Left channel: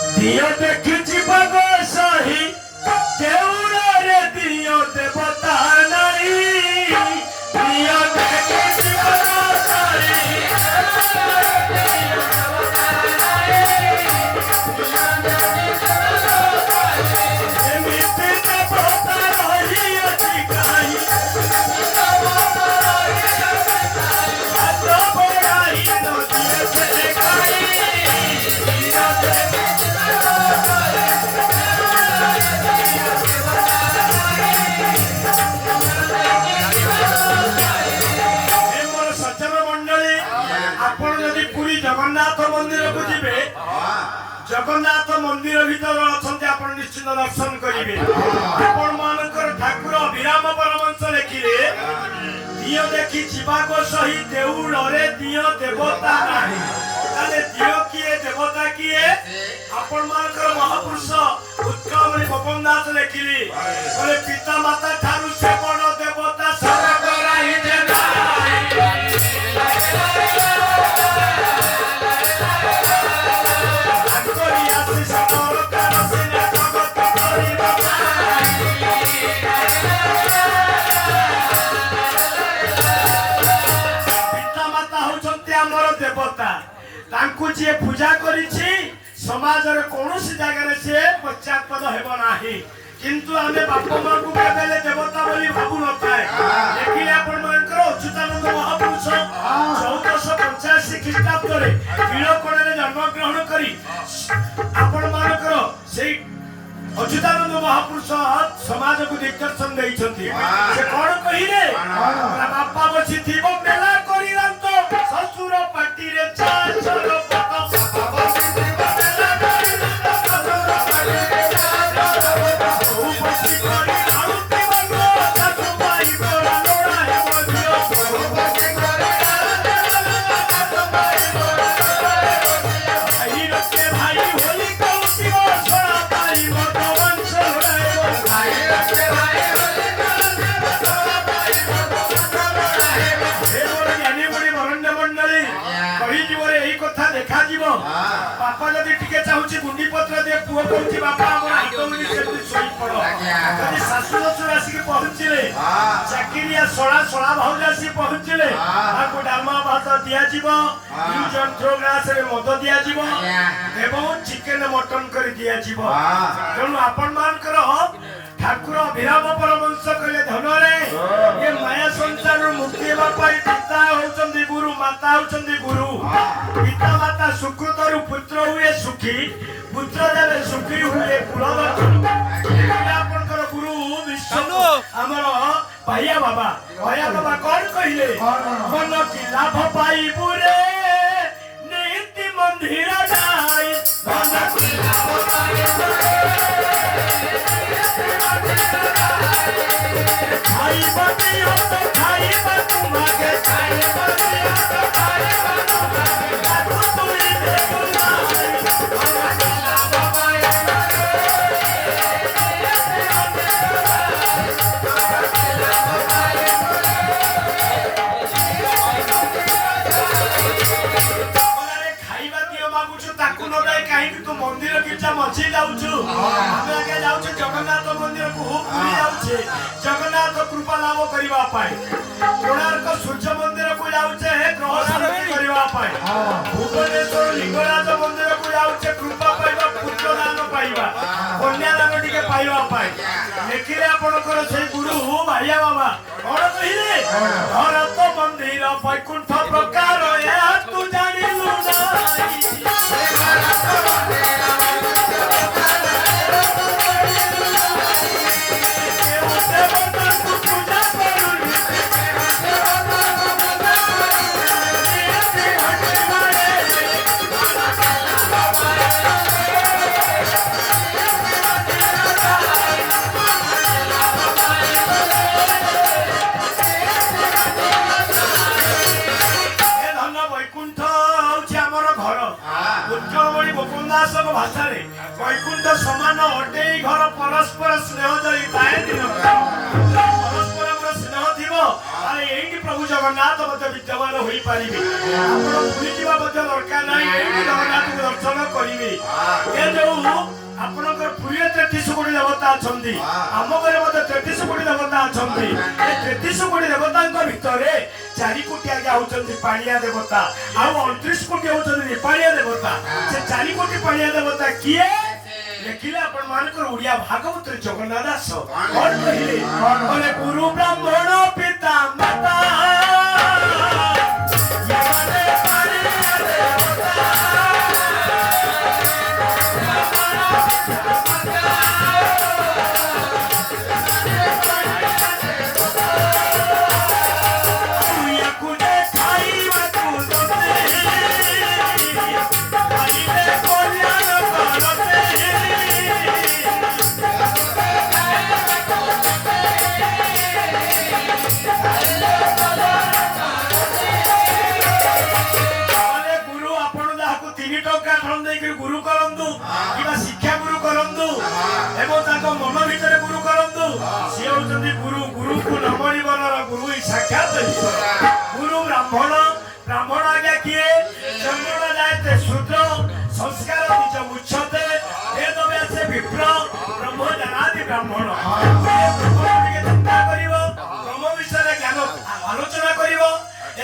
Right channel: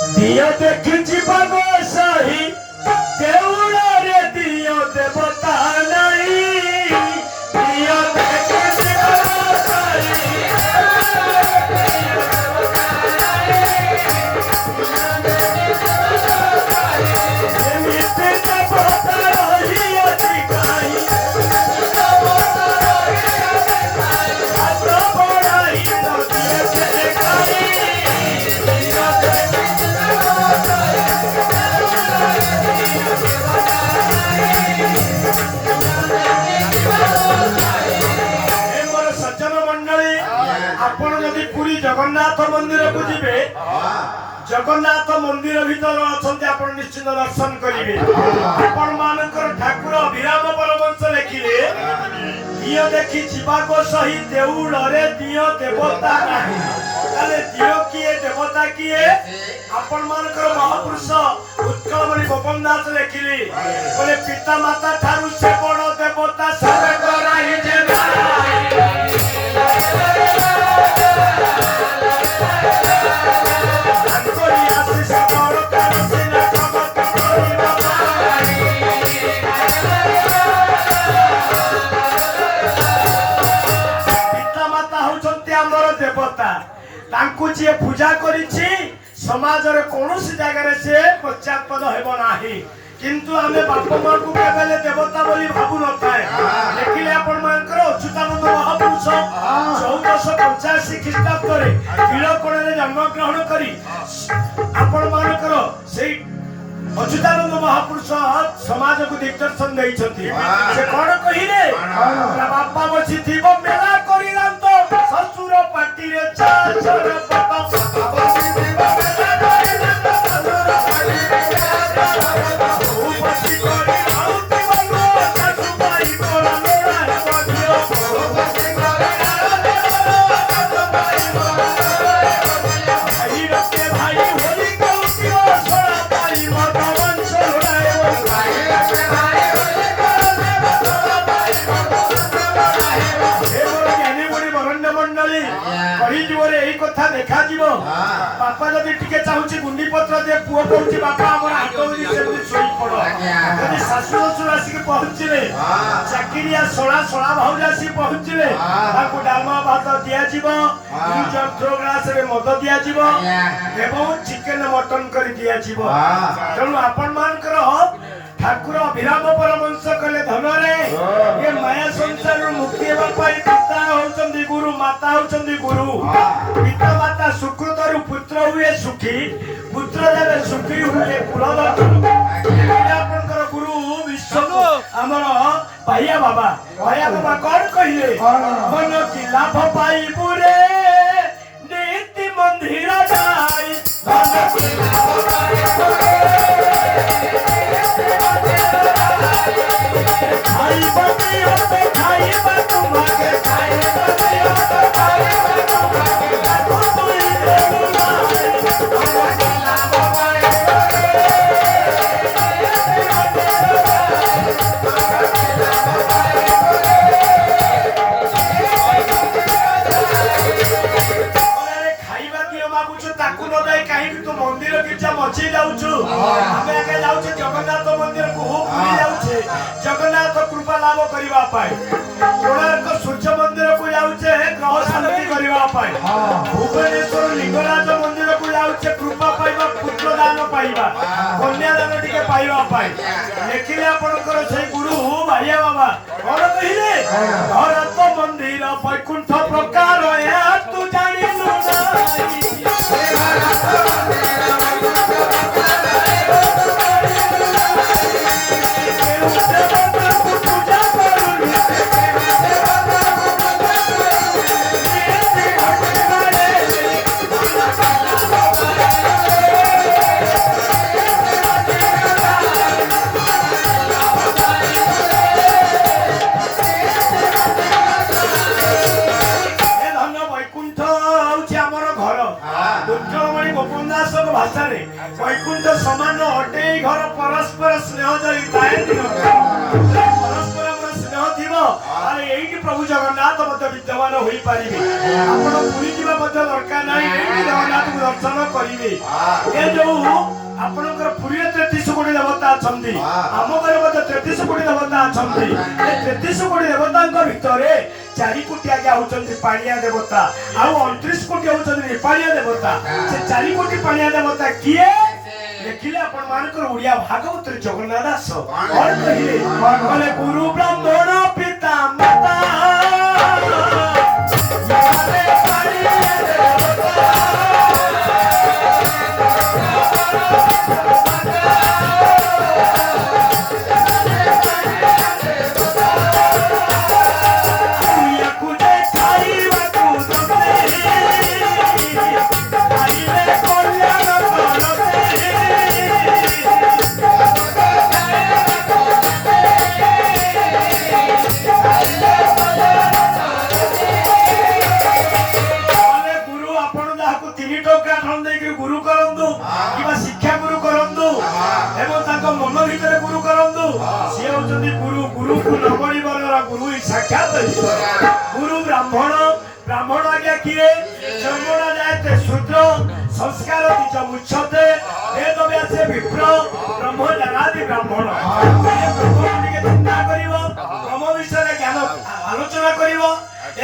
दियो देखी बाबा सही देउरा रे दियो देवता नहीं दियो देखी बाबा सही जगन्नाथ मंदिर को जीवे जगन्नाथ मंदिर भीतर अच्छा आप निश्चित दर्शन करेंगे आपण मानकर ठाकुर अभिराम परमंश लिखिले दियो देखी जीवाक सही देउल रे दियो देवता नहीं ताले दियो किए देवता किए आपण मानकर महापुरुष उत्कलमणि गोपन दास लिखिले बोले पिता माता ठारू से बड़ देवता सरग राही जे पूजा करिछि समाज रे कोनोसी जगह रे से पश्चात्पद हेबो नाही किंतु आमे बाप मां को केबेले देवता बोली भाबु नथाय देखिले आपण मानकर अच्युतानंद महापुरुष 1485 ख्रीष्टाब्द रे तिलकोण रे जन्म ग्रहण करी आपण मानकर सेई अच्युतानंद महापुरुष समाज को दिग्दर्शन दैछथि से कोन कहिरे बापा बसी थिबो मेला करी रांतो ससुर पाटी रे चार चार देखा जीवो बापा जदी टिके चाहूची गुंडी पत्र दे पुओ कहूची बापा हमर हाथ उडी सेमि सोई पड़ो जदी सासु ससुर आसी के पहुंचले चाकिरिया सोळा सोळा भाउज आसी पहुंचले ताको डालमा भात दिया जीवो यूजर प्रोग्रास रे मद दिया जीवो एवं चिकन मटन करी दिया जीवो तनु आपण मान करो ठाकुर अभिराम परमंश कहले धन रे ये माया संसार मुक्ति हेबा पाई पिता होचंदी गुरु माता होचंदी गुरु पिता माता सुकृत रु पुत्र हुए सुखी पुत्र देवे सुखी हुए कुलवत आपनकर गुरु विश्व हमर भैया बाबा कौन कहिले मन की लाभ पाई बुरे नीति मंदिर जाई मन की लाभ पाई खाई बतियो तो खाई बतु मागे खाई बतियो तो खाई बतु मागे ताको तुई देउलाई मन की लाभ पाई अरे खाइबा दियो बाबूछु ताकू न जाय काहे कि तू मंदिर गिरजा मची जाउछु हमें आगे जाउछु जगन्नाथ मंदिर को पूरी जाउछे जगन्नाथ कृपा लाभ करिवा पाए कोणार्क सूर्य मंदिर को जाउछे ग्रह शांति करिवा पाए भुवनेश्वर लिंगराज मंदिर को जाउछे कृपा पाइबा पुत्र दान पाइबा कन्या दान टिके पाइबा पाए देखिले आपनकर से गुरु भाइया बाबा कोन कहिले भरत मंदिर वैकुंठ प्रकार या तू जानिलु नाही भरत मंदिर भाषा वैकुंठ समान अटे घर परस्पर स्नेह जड़ी थाए दिन परस्पर स्नेह थी प्रभु जगन्नाथ विद्यमान हो पारे पुरी जा दरकार ना जगन्नाथ को दर्शन करेंगे ये जो आपनकर पुरी 33 कोटी देवता अच्छा आम घर 33 कोटी देवता अच्छा 33 कोटी देवता भितर 4 कोटी आगे होती पाणिया देवता आउ 29 कोटी होती पाणिया देवता से 4 कोटी पाणिया देवता किए देखिले अपन मानकर उड़िया भागवत जगन्नाथ दास और कहले गुरु ब्राह्मण पिता माता मन भितर गुरु करंतु सी होचंदी गुरु गुरु को नमणी बनरा गुरु ही साक्षात गुरु ब्राह्मण ब्राह्मण आज्ञा किए ब्राह्मण जायते शूद्र संस्कार निज उच्चते वेद व्यास विप्र ब्रह्म जनादि ब्राह्मण के चिंता करिवो ब्रह्म विषय ज्ञान आलोचना करिवो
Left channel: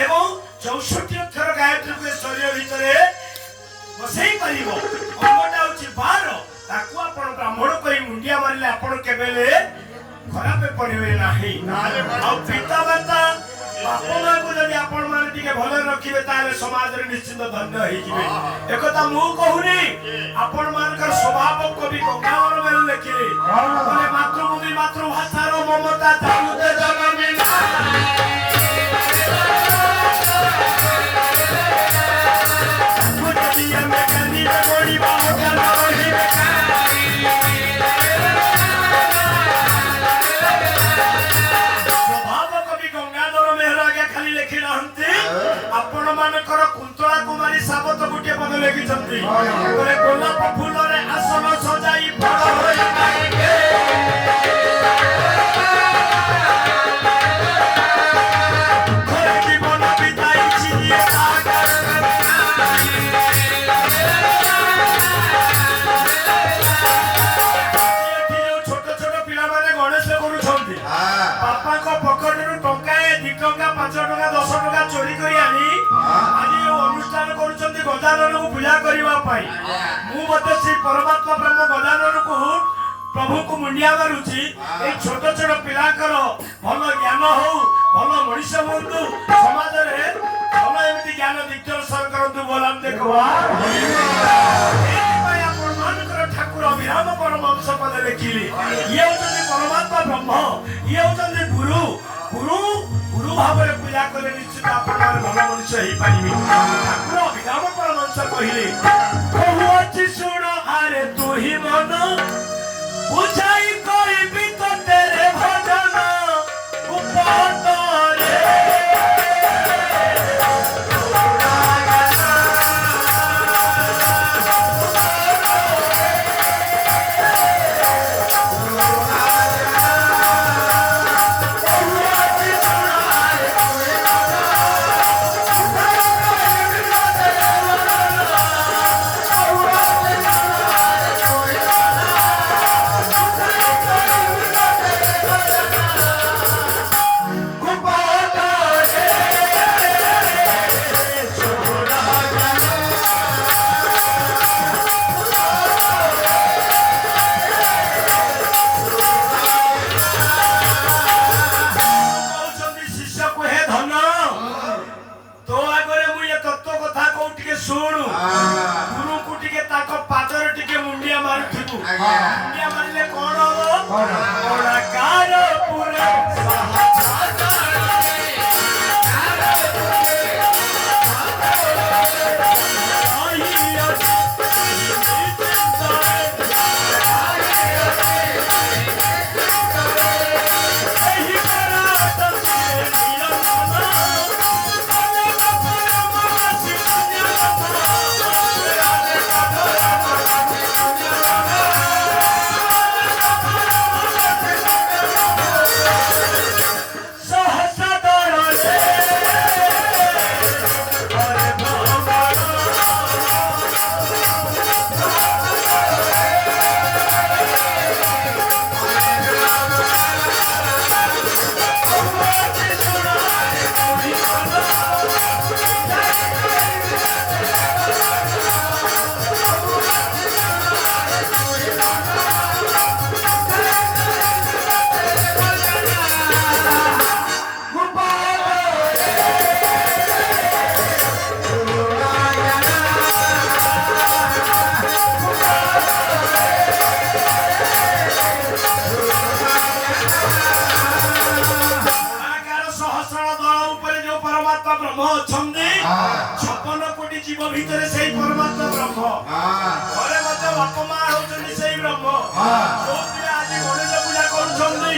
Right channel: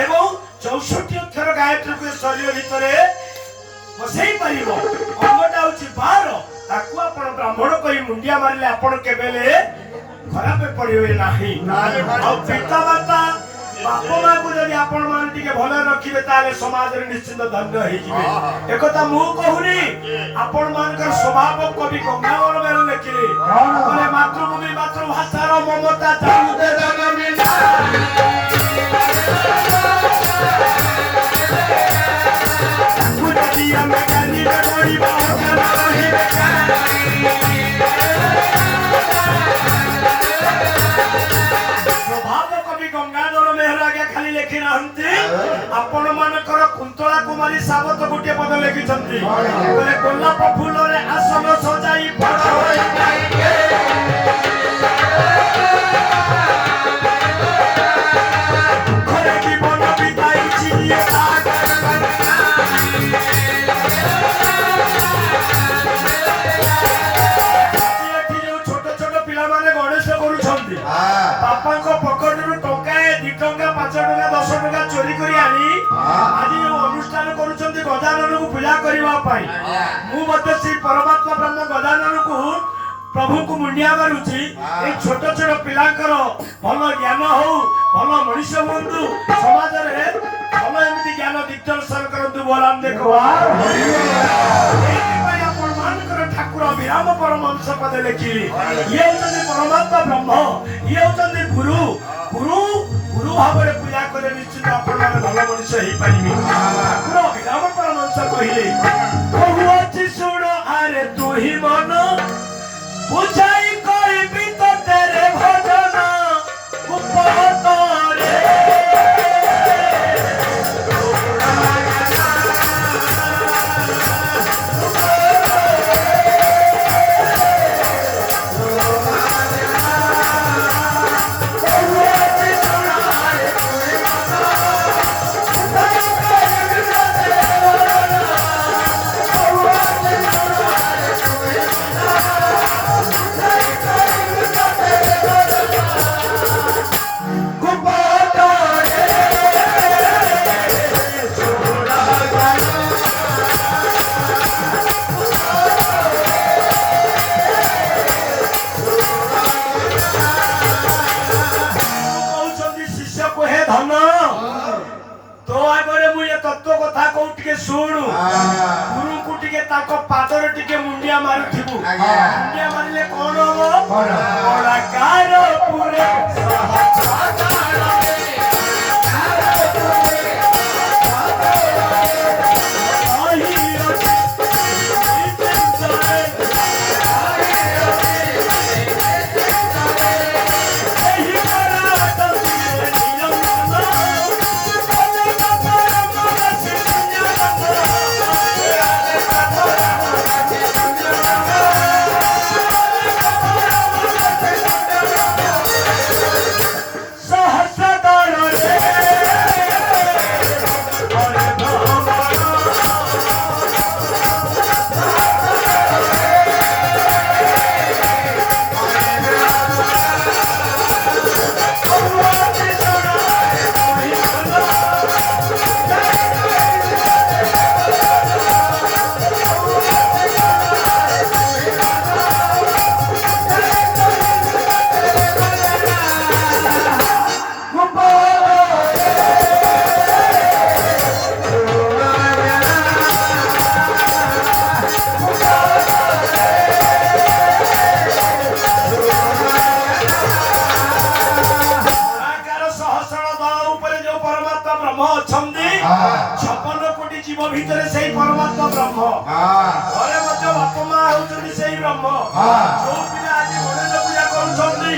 एवं 64 अक्षर गायत्री को शरीर भितर बसई परिवो अंगटा होची 12 ताकू आपण ब्राह्मण कहि मुंडिया मारिले आपण केबेले खराब पड़िबे नाही और पिता माता बाप मां को जदि आपण मान टिके भले रखिबे ताले समाज रे निश्चित धन्य होई जिवे एकता मु कहूनी आपण मान कर स्वभाव कवि गंगाधर मेरे लिखिले बोले मातृभूमि मातृभाषा रो ममता चालुते जगमिना कुटिया में गानी गोड़ी बहुत रही स्वभाव कवि गंगाधर मेहरा के खाली लिखि नाहंती आपण मानकर कुंतला कुमारी सावत गुटे पद लिखिछंती बोले गोलाप फूल रे आसन सजाई बड़ होई गाएंगे घर की बन बिताई छिए सागर बापा को पकड़ टंका 2 टंका 5 टंका 10 टंका चोरी करी आनी आज अनुष्ठान करूछंती गजानन को पूजा करबा पाई मु मते से परमात्मा ब्रह्म गजानन को प्रभु को मुंडिया मारुची ए छोट छोट पिलाकर भल ज्ञान हो भल मनुष्य बंधु समाज रे भल एमती ज्ञान दिग्दर्शन करंतु बोलाम देखो ठाकुर विराम परमहंस पद लिखिली ये होचंदी परमात्मा ब्रह्म ये होचंदी गुरु गुरु गुरु भाव रे पूजा करे निश्चित आपण माने भल मनुष्य ही पाइबे ठाकुर विराम परमहंस कहिले कहू अछि सुन आरे तू ही मन बुझाई कहिबी तो तेरे भजन उपतरे सुनु गुरु को टिके ताको पादर टिके मुंडिया मारुथिबु मुंडिया मारिले कोन हो बड़ा कार पूरे ଭିତରେ ସେଇ ପରମାତ୍ମା ବ୍ରହ୍ମ ଘରେ ମଧ୍ୟ ବାପା ମା ହଉଛନ୍ତି ସେଇ ବ୍ରହ୍ମ ଯୋଉ ପିଲା ଆଜି ଗଣେଶ ପୂଜା କରୁଛନ୍ତି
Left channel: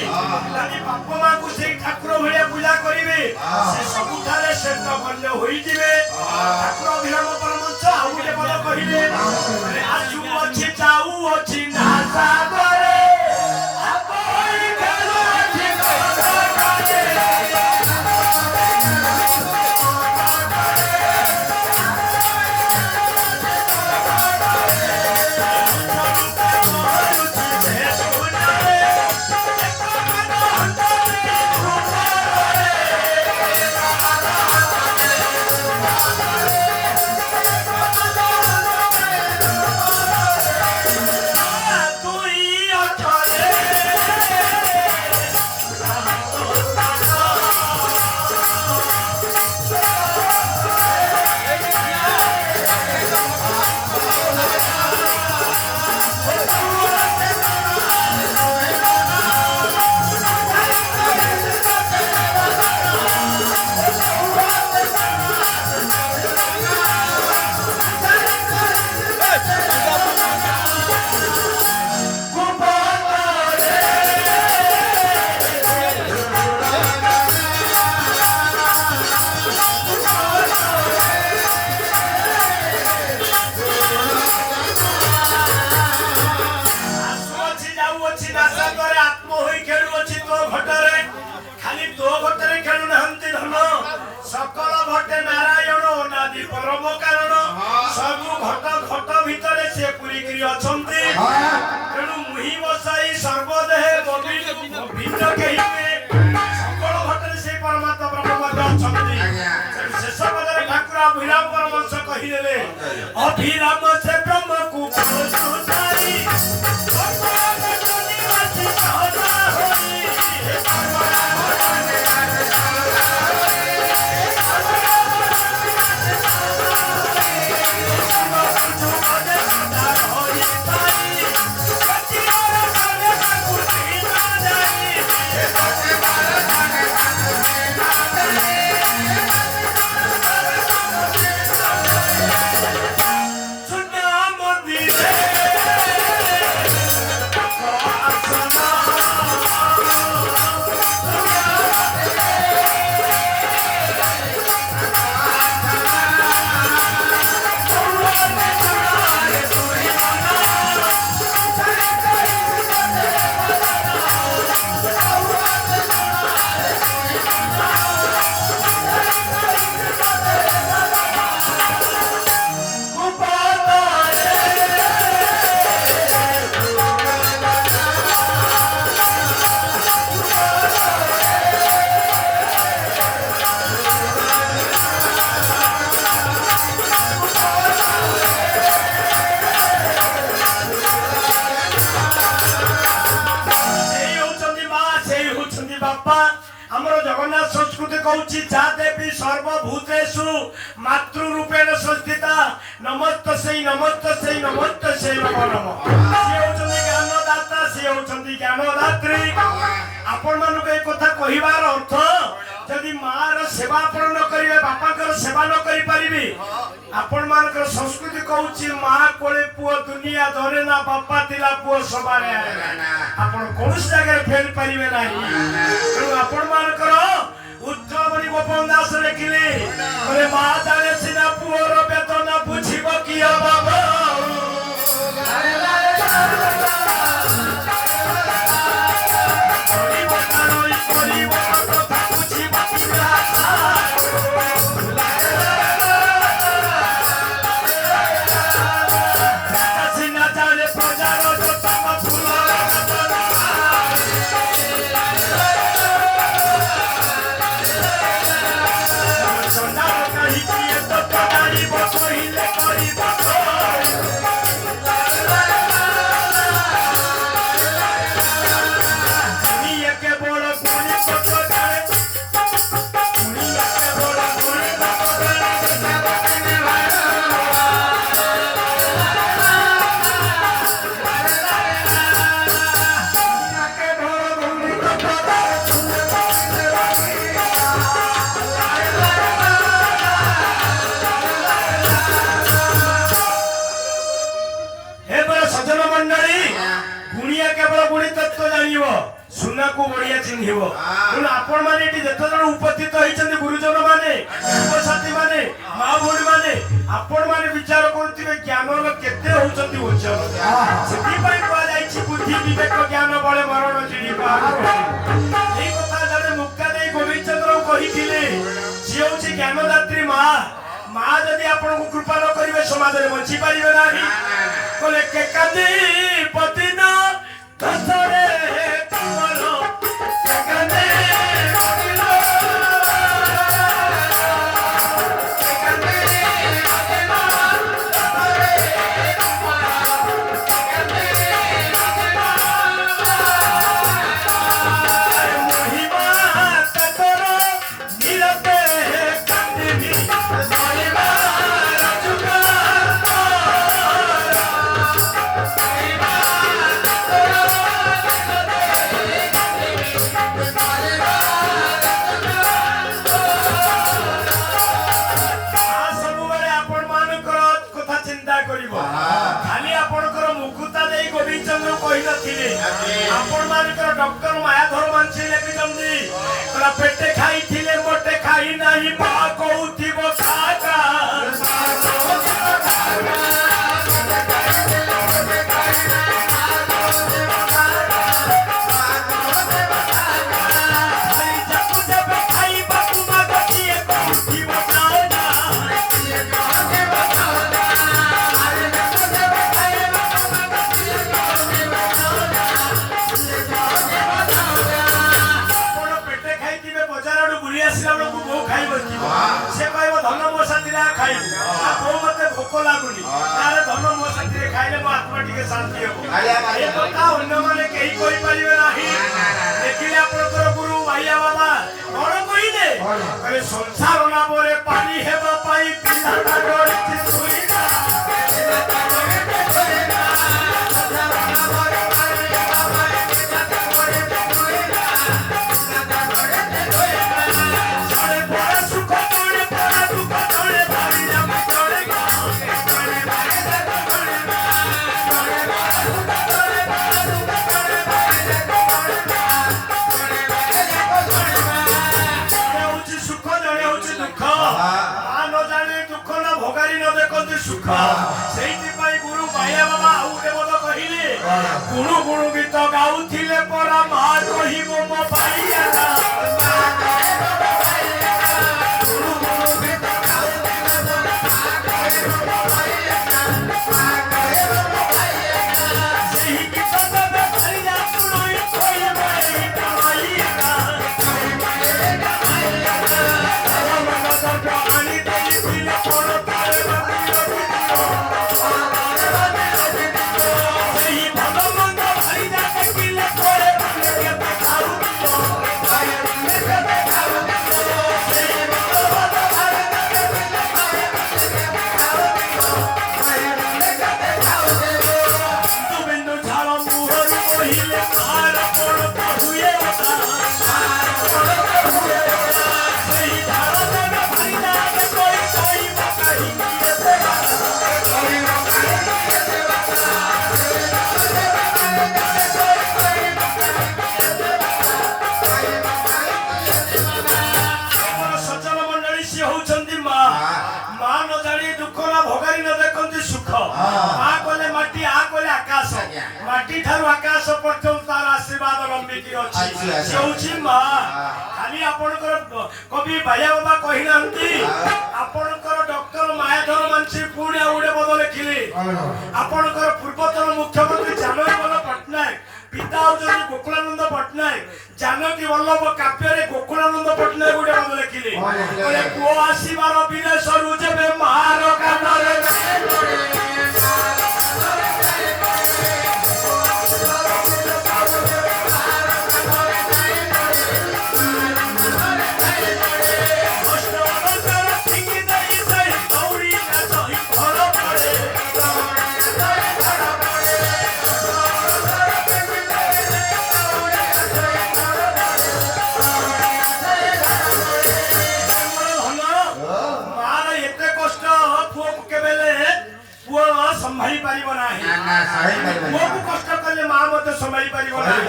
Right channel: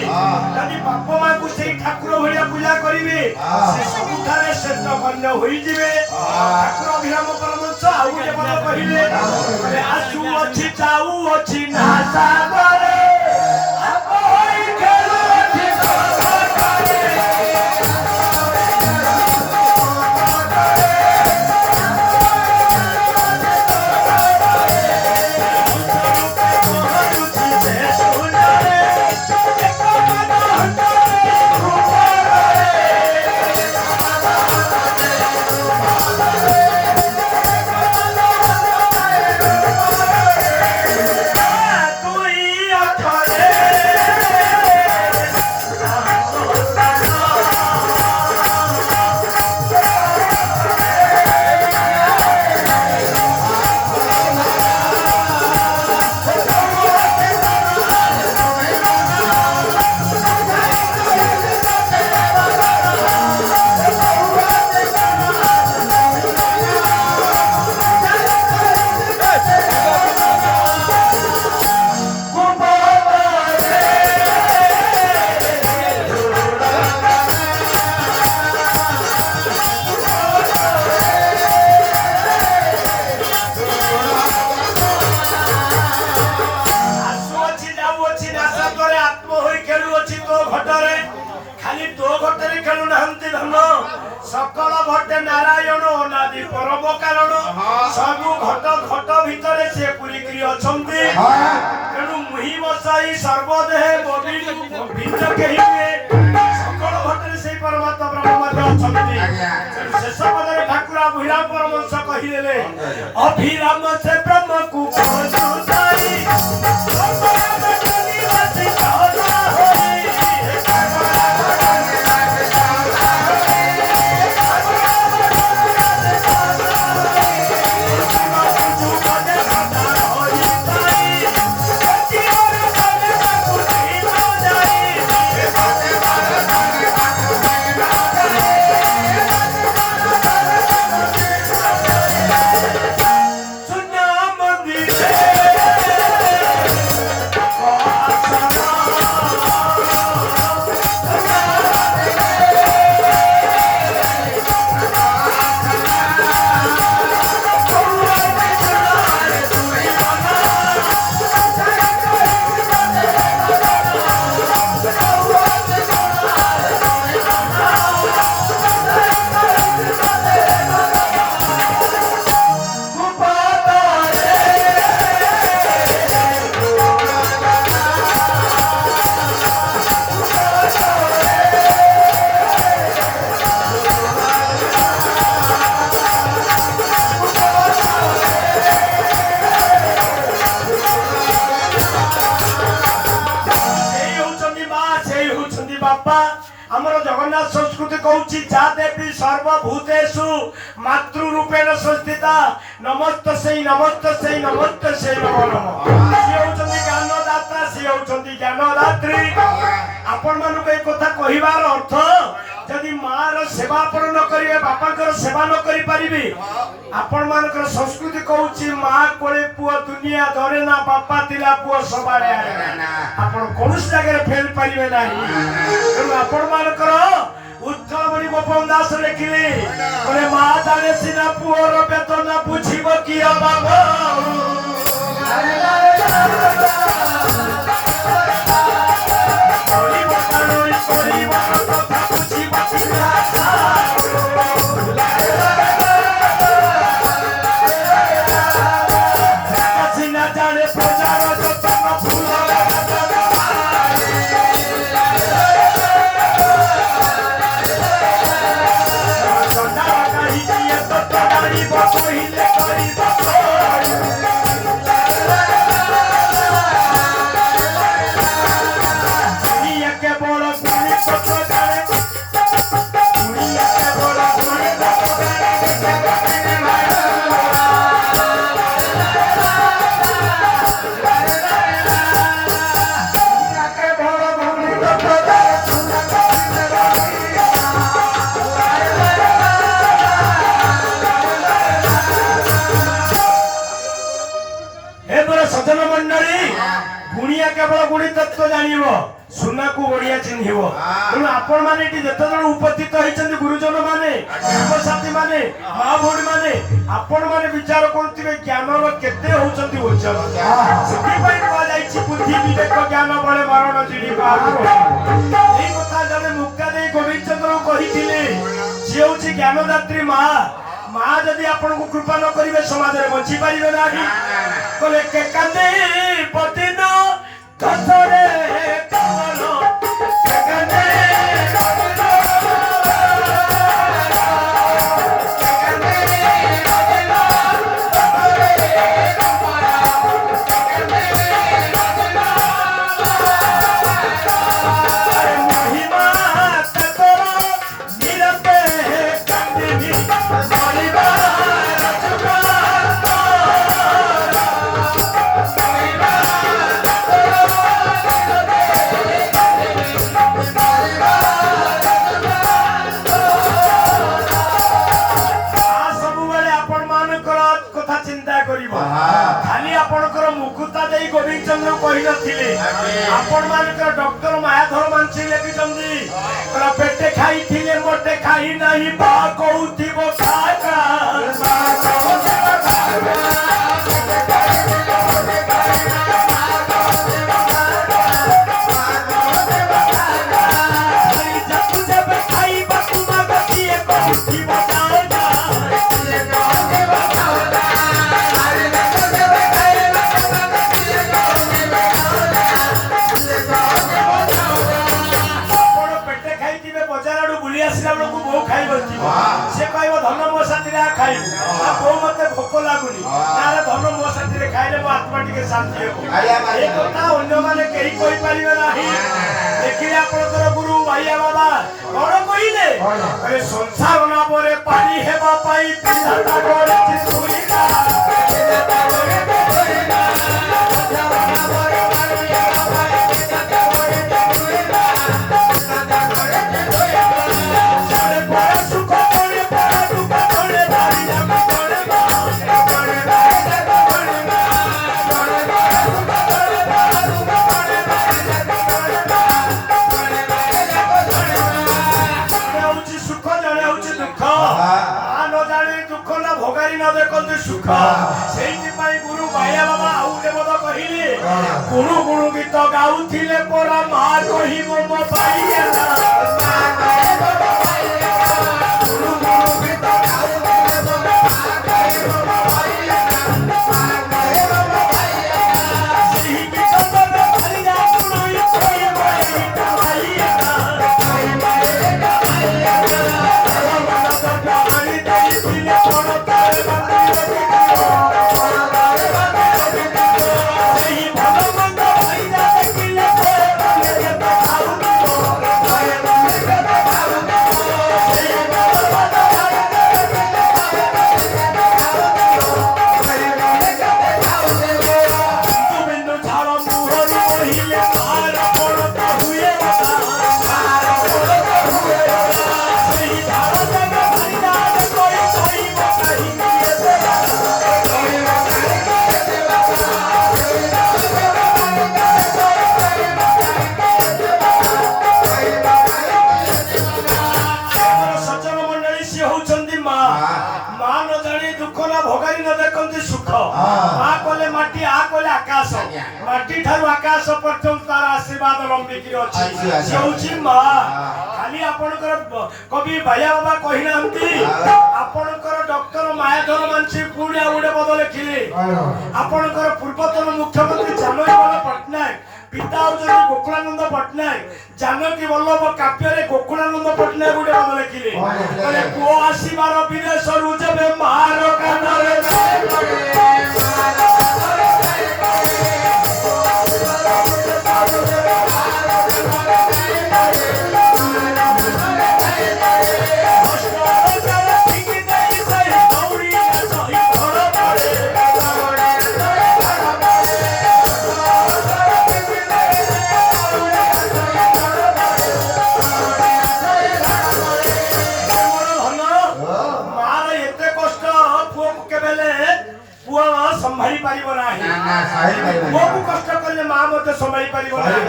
ଯଦି ବାପା ମାଙ୍କୁ ସେଇ ଠାକୁର ଭଳିଆ ପୂଜା କରିବେ ସେ ସବୁଠାରେ ଶ୍ରେଷ୍ଠ ଗଣ୍ୟ ହୋଇଯିବେ ଠାକୁର ଅଭିରାମ ପରମହଂସ ଆଉ କେବଳ କହିଲେ ଆସୁ ଅଛି ଯାଉ ଅଛି ନା ସାଗରେ सकल घटे नारायण अनादि परम कारण सबु घट घट भितर से पुरीकरी अछंती तेणु मुहि बसाई सर्वदेहे भिन्न केहि सकल घटरे से परमात्मा ब्रह्म मध्य अछंती शेष पदरे ठाकुर अभिराम परमहंस कहिदेले अभिराम से ब्रह्म को सुताई आमर जगन्नाथ संस्कृति कहूची जा देवी सर्वभूतेषु मातृ रूपेण संस्थिता नमस्तस्यै नमस्तस्यै नमस्तस्यै नमो नमः सी होचंदी ज्ञानदाता सी होचंदी ज्ञानदात्री आपण मानको ए कथा कहिवार अर्थ यदि मार सेवा आपण न करिवे बापाकर सेवा न करि परिबे आपण मानकर संस्कृति कहूची मां कोळे पुओ दुनिया धरे ना बापा तिला पुओ सबारे आपण कोनस जगह फेल परिबे नाही आपण मानकर उज्जवल बड़ी गोपन दास लिखिले बोले मां जाने सिना पुओर बेतन बुझिबो किया बाबा Kari ସଜ୍ଜନ ମଣ୍ଡଳୀ ଗୁଣିଆ କେବଳ ଗୁଣି ତତ୍ତ୍ୱ ଜାଣିବ ସୁନାକୁ ବଢିଆ ଚିହ୍ନିବ। ତେଣୁ ଆପଣ ମାନେ ଏଠି ଯେତେବେଳେ ଉପସ୍ଥିତ ହେଇଛନ୍ତି ଗୁରୁଜନ ମାନେ ସାଥୀ ମାନେ ମା ଭଉଣୀ ମାନେ ଆପଣ ମାନେ ବିଚାର କରୁଥିବେ ଜ୍ଞାନର କେତେ ହଉଛନ୍ତି ଓଜନ। ସେଥିପାଇଁ କୁହାଯାଇଛି ବୁଦ୍ଧି ବିବେକ ଜ୍ଞାନ ବଳେ ମରଣ ଚିଡ଼ି ବାହାରୁ। ଏଇ କଥା ଜଣେ ମୁକ୍ତା ଦେଇ ଗୋବିନ୍ଦ ଚନ୍ଦ୍ର କହିଥିଲେ ସିଏ ହଉଛି ଜ୍ଞାନଦାତ୍ରୀ ମା। ମା ଯଦି ଆପଣଙ୍କୁ କୃପା ନ କରିବେ ସମାଜରେ ବଞ୍ଚି ପାରିବେ ନାହିଁ। କହିଲେ କେକାନ୍ତି ପତିନ କଥରେ କମଲ କେକାନ୍ତି ପତିନ କେକାନ୍ତି ପତିନ କଥରେ କମଲ କେକାନ୍ତି ପତିନ ମହିମା ତତର ନିରତେ କାନ୍ଦିନି ମରିବା ରଚୁକା ଖାଲି ଆପଣଙ୍କର ମୁକୁତା ଦେଇ ଗୋବିନ୍ଦ ଚନ୍ଦ୍ର କହିନଥିଲେ ଆପଣ ମାନଙ୍କର ଡକ୍ଟର ମାୟାଧର ମାନସିଂ ଲେଖିଛନ୍ତି ପେଟେ ଖାଇଥିଲେ ମୋଟେ ଖାଇ ନାହିଁ ବା କହୁଥିବ से कहब धन मो साथी खाइबू बो मत भोक लगुनि धन मो साथी खाइले मो आत्मा टिके शांति हो अन्य माने कहीं कहि परिबे नाही। देखिले आपनकर गुरु भाइया बाबा कोन कहिले अरे संसार ना बोले पानी हेबा पाई पिता गोरे चिसुइना पिता गोरे चिसुइना संसार ना बोले पानी हेबा पाई पिता गोरे चिसुइना पिता गोरे चिसुइना सारे बड़ा सुख तोड़े बड़ा दुख तोड़े भारी ना तोड़े मा तोड़े भाई से तोड़े मा तोड़े बड़ा सुख तोड़े बड़ा दुख तोड़े भाई से तोड़े मा तोड़े भाई से तोड़े मा जने होची सुख जने होची दुख आ न जाने दुख ना भोगारी न देखते सुख सेही पाई गुरु भाइया बाबा आउटे मत कहिले गुरु गुरु गीत गाउथिले परा मा कहिबो मो भाइया मा कहिबो मो भाइया गुरु गुरु गीत गाउथिले परा मा कहिबो मो भाइया मा कहिबो मो भाइया सेही गीत तबे खाली जा सुनई कहिबो एई भाइया कहिबो एई भाइया मन कर आनी देई दिले पड़ो तारे बंदी सेही भगवान भाई जा किले कोए बने के देखाऊ भाई बने के देखाऊ सेही भगवान भाई जा किले कोए बने के देखाऊ भाई बने के देखाऊ तू बिंदु झाड़ मुहर मोहिले मार पड़ते हुए मार पड़ते हुए सेही झाड़ जने भाई जा कोई कोई कहीं किए से सज्जन मंडली सी होउछंदी मा मा न जानी दुख ना भोगारी न देखंती सुख मा कोले माटी आ कोले आकाश माटी थारु आकाश पर्यंत तार आशीर्वाद लंबी की अछि से होउछि मा खाली आपनकर कवि भाइया बाबा कहि नांती आपनकर डॉक्टर मायाधर मानसी पुण्य उडे बदले खिले आपनकर पूर्वतन मुख्यमंत्री जानकीवल्लभ पटनायक पिता होउछंती गोकुलानंद पटनायक जानकी वल्लभ काव्य गोकुलानंद पटनायक उडे बदले खिले कहले पुओ आसीबार विदेश रु जेबे मार कानरे पुओ ସମ୍ଭାଳି ପାରିବ ନାହିଁ। ପାରିବନି। ପୁଅକୁ କଷ୍ଟ କଲେ ମା ମଧ୍ୟ ସମ୍ଭାଳି ପାରିବ ନାହିଁ।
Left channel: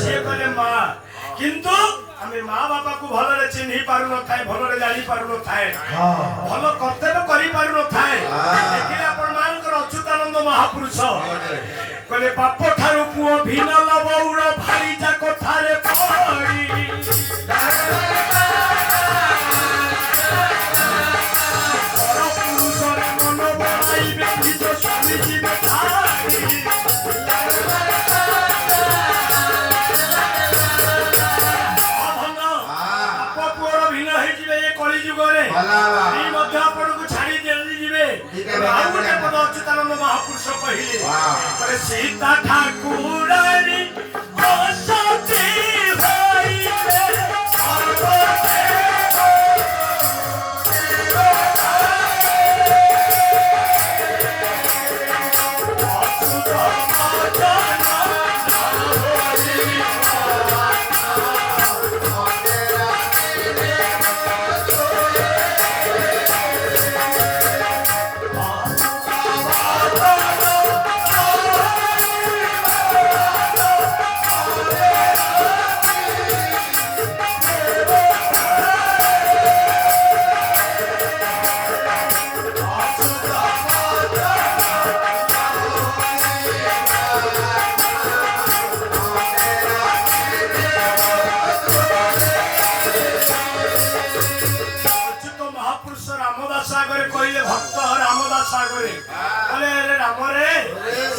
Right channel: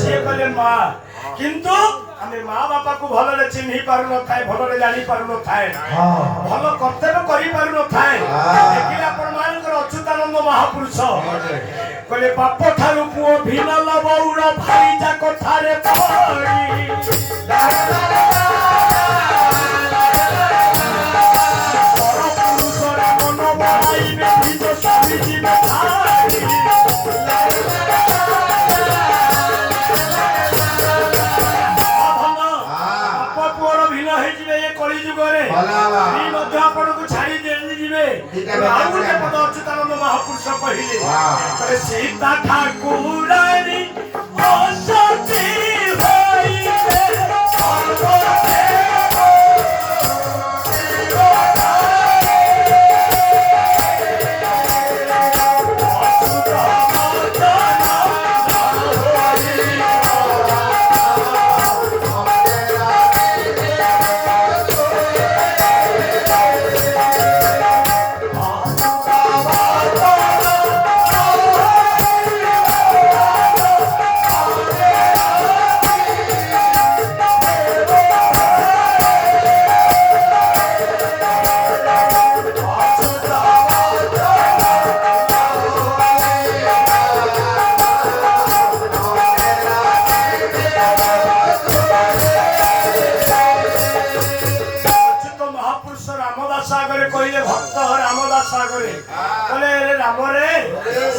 ସିଏ କହିଲେ ମା, କିନ୍ତୁ ଆମେ ମା ବାପାକୁ ଭଲରେ ଚିହ୍ନି ପାରୁନଥାଏ, ଭଲରେ ଜାଣି ପାରୁନଥାଏ, ଭଲ କର୍ତ୍ତବ୍ୟ କରିପାରୁନଥାଏ। ଦେଖିଲେ ଆପଣ ମାନଙ୍କର ଅଚ୍ୟୁତାନନ୍ଦ ମହାପୁରୁଷ କହିଲେ ବାପ ଠାରୁ ପୁଅ ଭିନ୍ନ ବଉଳ ଭାଇଜା କଥାରେ ପଡ଼ି ପରପୁରୁଷରେ ମନ ବଳାଇବେ ନିଜ ସ୍ୱାମୀ ଯିବେ ଛାଡ଼ି। ବାପ ପୁଅର ଭିନ୍ନ ହେଇଯିବେ ଏ କଳି ଯୁଗରେ। ସ୍ତ୍ରୀ ମଧ୍ୟ ଆପଣଙ୍କୁ ଛାଡ଼ି ଯିବେ। ଆଉ ଗୋଟେ ପଦ ଅଚ୍ୟୁତାନନ୍ଦ ମହାପୁରୁଷ କହିଲେ ସୀତା ଠାକୁରାଣୀ ଅସତୀ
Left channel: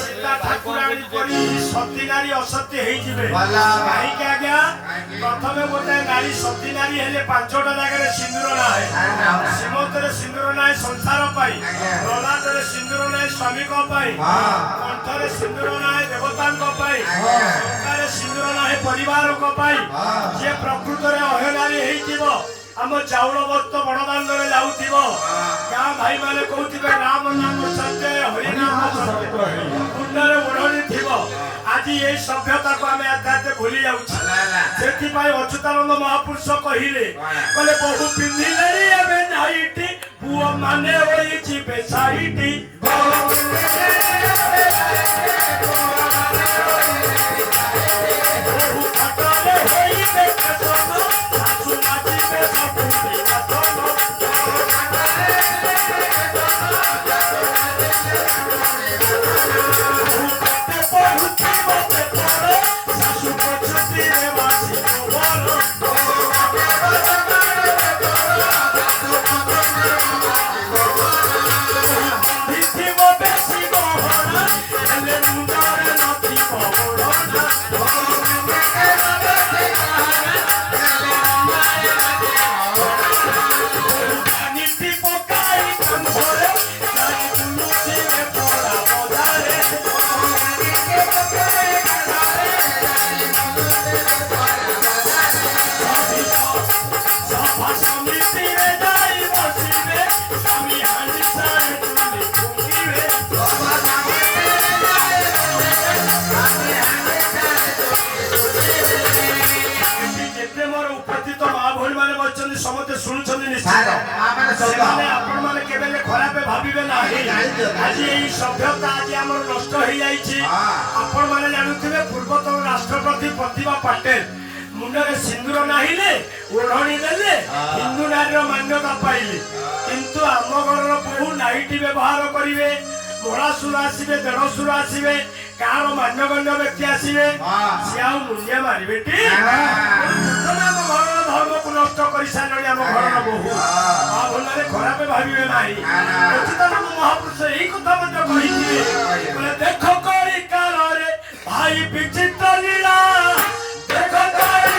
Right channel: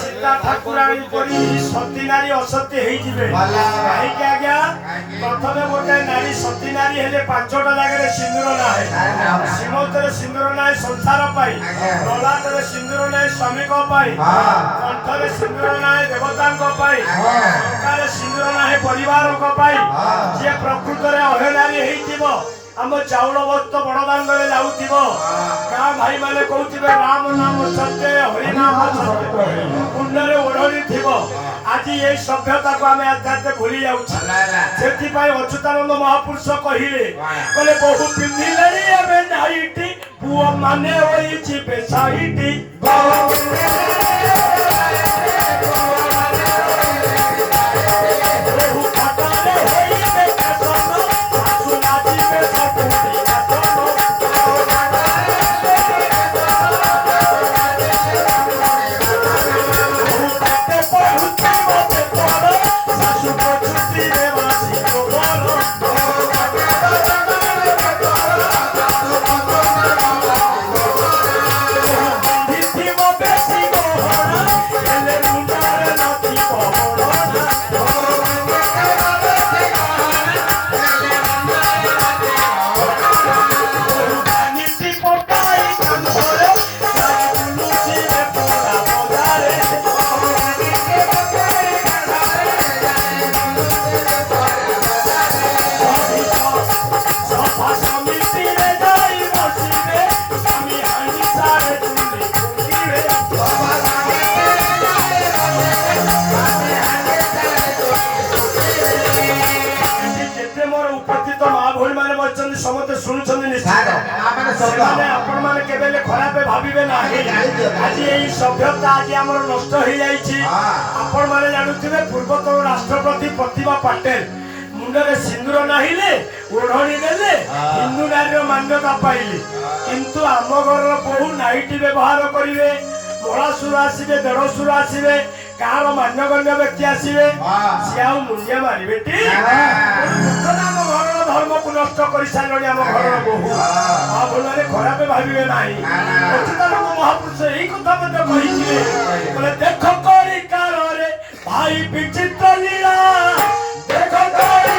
ହୋଇବେ ଠାକୁରାଣୀ ପରି ସତୀ ନାରୀ ଅସତୀ ହେଇଯିବେ। କାହିଁକି ଆଜ୍ଞା? ପ୍ରଥମେ ଗୋଟେ ନାରୀ ସତୀ ନାରୀ ହେଲେ 5ଟା ଜାଗାରେ ସିନ୍ଦୁର ନାହିଁ। ସୀମନ୍ତରେ ସିନ୍ଦୁର ନାହିଁ ସଂସାର ପାଇଁ, ଲଲାଟରେ ସିନ୍ଦୁର ନାହିଁ ସ୍ୱାମୀଙ୍କ ପାଇଁ, କଣ୍ଠରେ ସିନ୍ଦୁର ନାହିଁ ଦେବତାଙ୍କ ପାଇଁ, ଟଙ୍କାରେ ସିନ୍ଦୁର ନାହିଁ ପରିବାରଙ୍କ ପାଇଁ। ଯିଏ ପ୍ରକୃତରେ ଅହନାରୀ ହେଇଥିବ, ଆମ ଚାଉଳ ବସ୍ତ ବଡ଼ଦାଣ୍ଡରେ ଯାଉଥିବ, ଗାଁ ଭାଇ ମାନେ କହୁଥିବେ ରାମ ନାମ ସତ୍ୟ ହରିନାମ ସତ୍ୟ, ମୁଣ୍ଡରେ ଓଢ଼ଣି ଥିବ। ଆଜି ଏଇ ସଭ୍ୟତାକୁ ଆମେ ଆସ୍ତେ ଭୁଲି ଯାଉଛୁ। ସେଥିପାଇଁ ଅଚ୍ୟୁତାନନ୍ଦ ମହାପୁରୁଷ କହିଲେ ବହୁ ପିନ୍ଧିଲେଣି ଏବେ ନାଇଟି, ପୁଅ ମାନେ ହୋଇଯିବେ ସାଇଟି। ସମସ୍ତେ ଶୁଣୁଛନ୍ତି ନିଶ୍ଚିତ। ଆପଣ ମାନେ କେବେ ଖରାପ ଭାବିବେ ନାହିଁ। ଆଜି ଏଇ ସଭ୍ୟତା ଆଜି ଆମର ନଷ୍ଟ ହେଇଯାଇଛି। ଆପଣ ମାନେ ଜାଣୁଥିବେ ପୂର୍ବତନ ରାଷ୍ଟ୍ରପତି ପ୍ରତିଭା ପାଟେଲ ମୁଣ୍ଡରେ ସିନ୍ଦୁର ନାହିଲେ, ଓଢ଼ଣି ଦେଲେ, ହିନ୍ଦୁ ନାରୀର ମାନ୍ୟତା ପାଇଲେ। କିନ୍ତୁ ଆମ ଘରର ବହୁ ନାଇଟି ବ୍ୟବହାର କରିବେ, ମଳାସୁର ଆସିବେ, ଦେଢ଼ସୁର ଆସିବେ, ଗାଁର ମାନ୍ୟଗଣ୍ୟ ବ୍ୟକ୍ତି ଆସିବେ, ସିଏ ଆଉ ମୂଲ୍ୟ ମାରିବେ ଟି? ଆମ ଘରର ଧର୍ମକୁ ନଷ୍ଟ କରିସାରିଲେଣି ଆମ ଘରର ବୋହୂ। ମା ଭୁଲରେ ଖରାପ ଭାବିବେ ନାହିଁ। ଅଚ୍ୟୁତାନନ୍ଦ ମହାପୁରୁଷ ଏଇ କଥା ମଧ୍ୟ କହିଥିଲେ, କହିଲେ ଦେଖ କଳି କାଳରେ ଭାଇ ବିଚିତ୍ର ଲୀଳା, ଦେଖ କଳି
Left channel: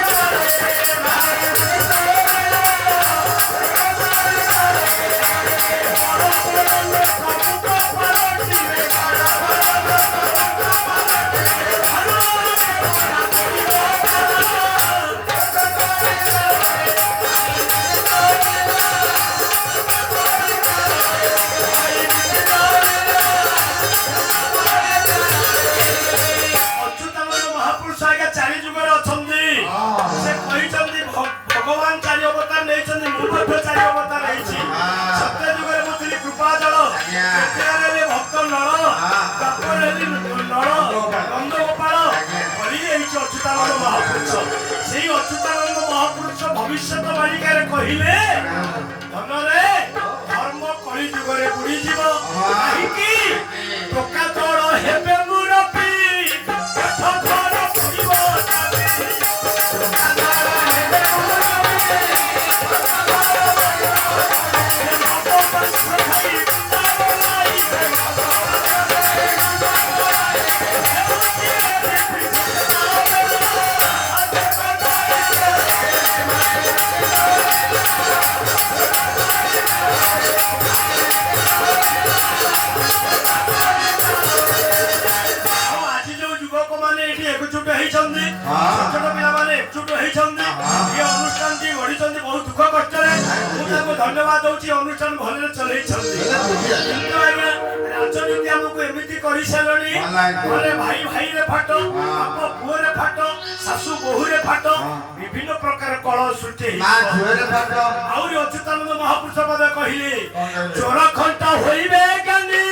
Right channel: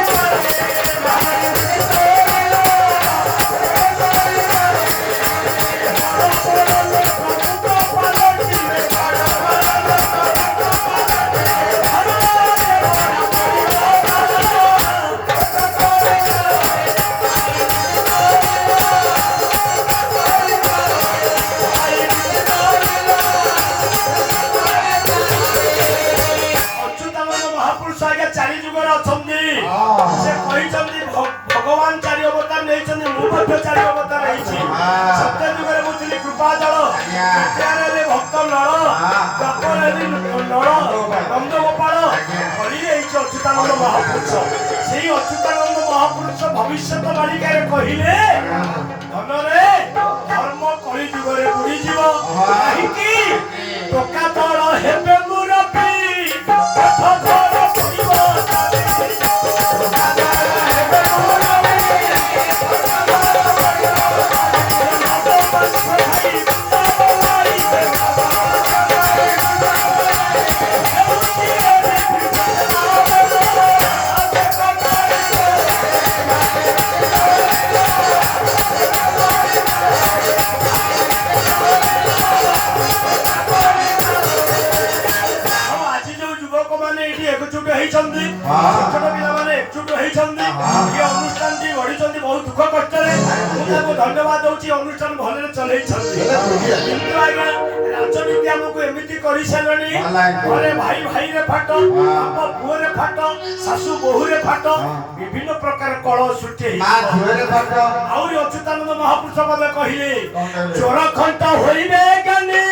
ଭଗବାନ 4 ଅବତାର ନେଇଛନ୍ତି, ମୁଁ ମଧ୍ୟ 4 ଅବତାର ହେଇଛି। ସତ୍ୟ ଯୁଗରେ ମୁଁ ଥିଲି, କୃପା ଗଙ୍ଗା ଜଳ ରେ ଭକ୍ତ ନଳ ଜପରେ ନଳ ନନ୍ଦଗୋପାଳ କହିଲେ ହେଇଛି ଅଚ୍ୟୁତାନନ୍ଦ ମହାପୁରୁଷ। ସେଇ ଅଚ୍ୟୁତାନନ୍ଦ ମହାପୁରୁଷ ଭବିଷ୍ୟତ ବାଳିକାରେ କହିଲେ ଧନରେ ଧର୍ମ କଳି ଯୁଗରେ ବୁଡ଼ିଯିବ କାହିଁକି ଟୋକା ତଳ ହେବେ ମୁରବି बहुत दुख कष्ट धन्यवाद दूसरी अनुष्ठान भले चलती राजनीति आमको एमती कर सारे भाई भाई रे फाट बाप पुओ रे फाट शाशु बोहू रे फाट विभिन्न प्रकार कल सृष्टि आहरी अच्युतानंद महापुरुष पद कहले चोर खंत होइबे ज्ञानी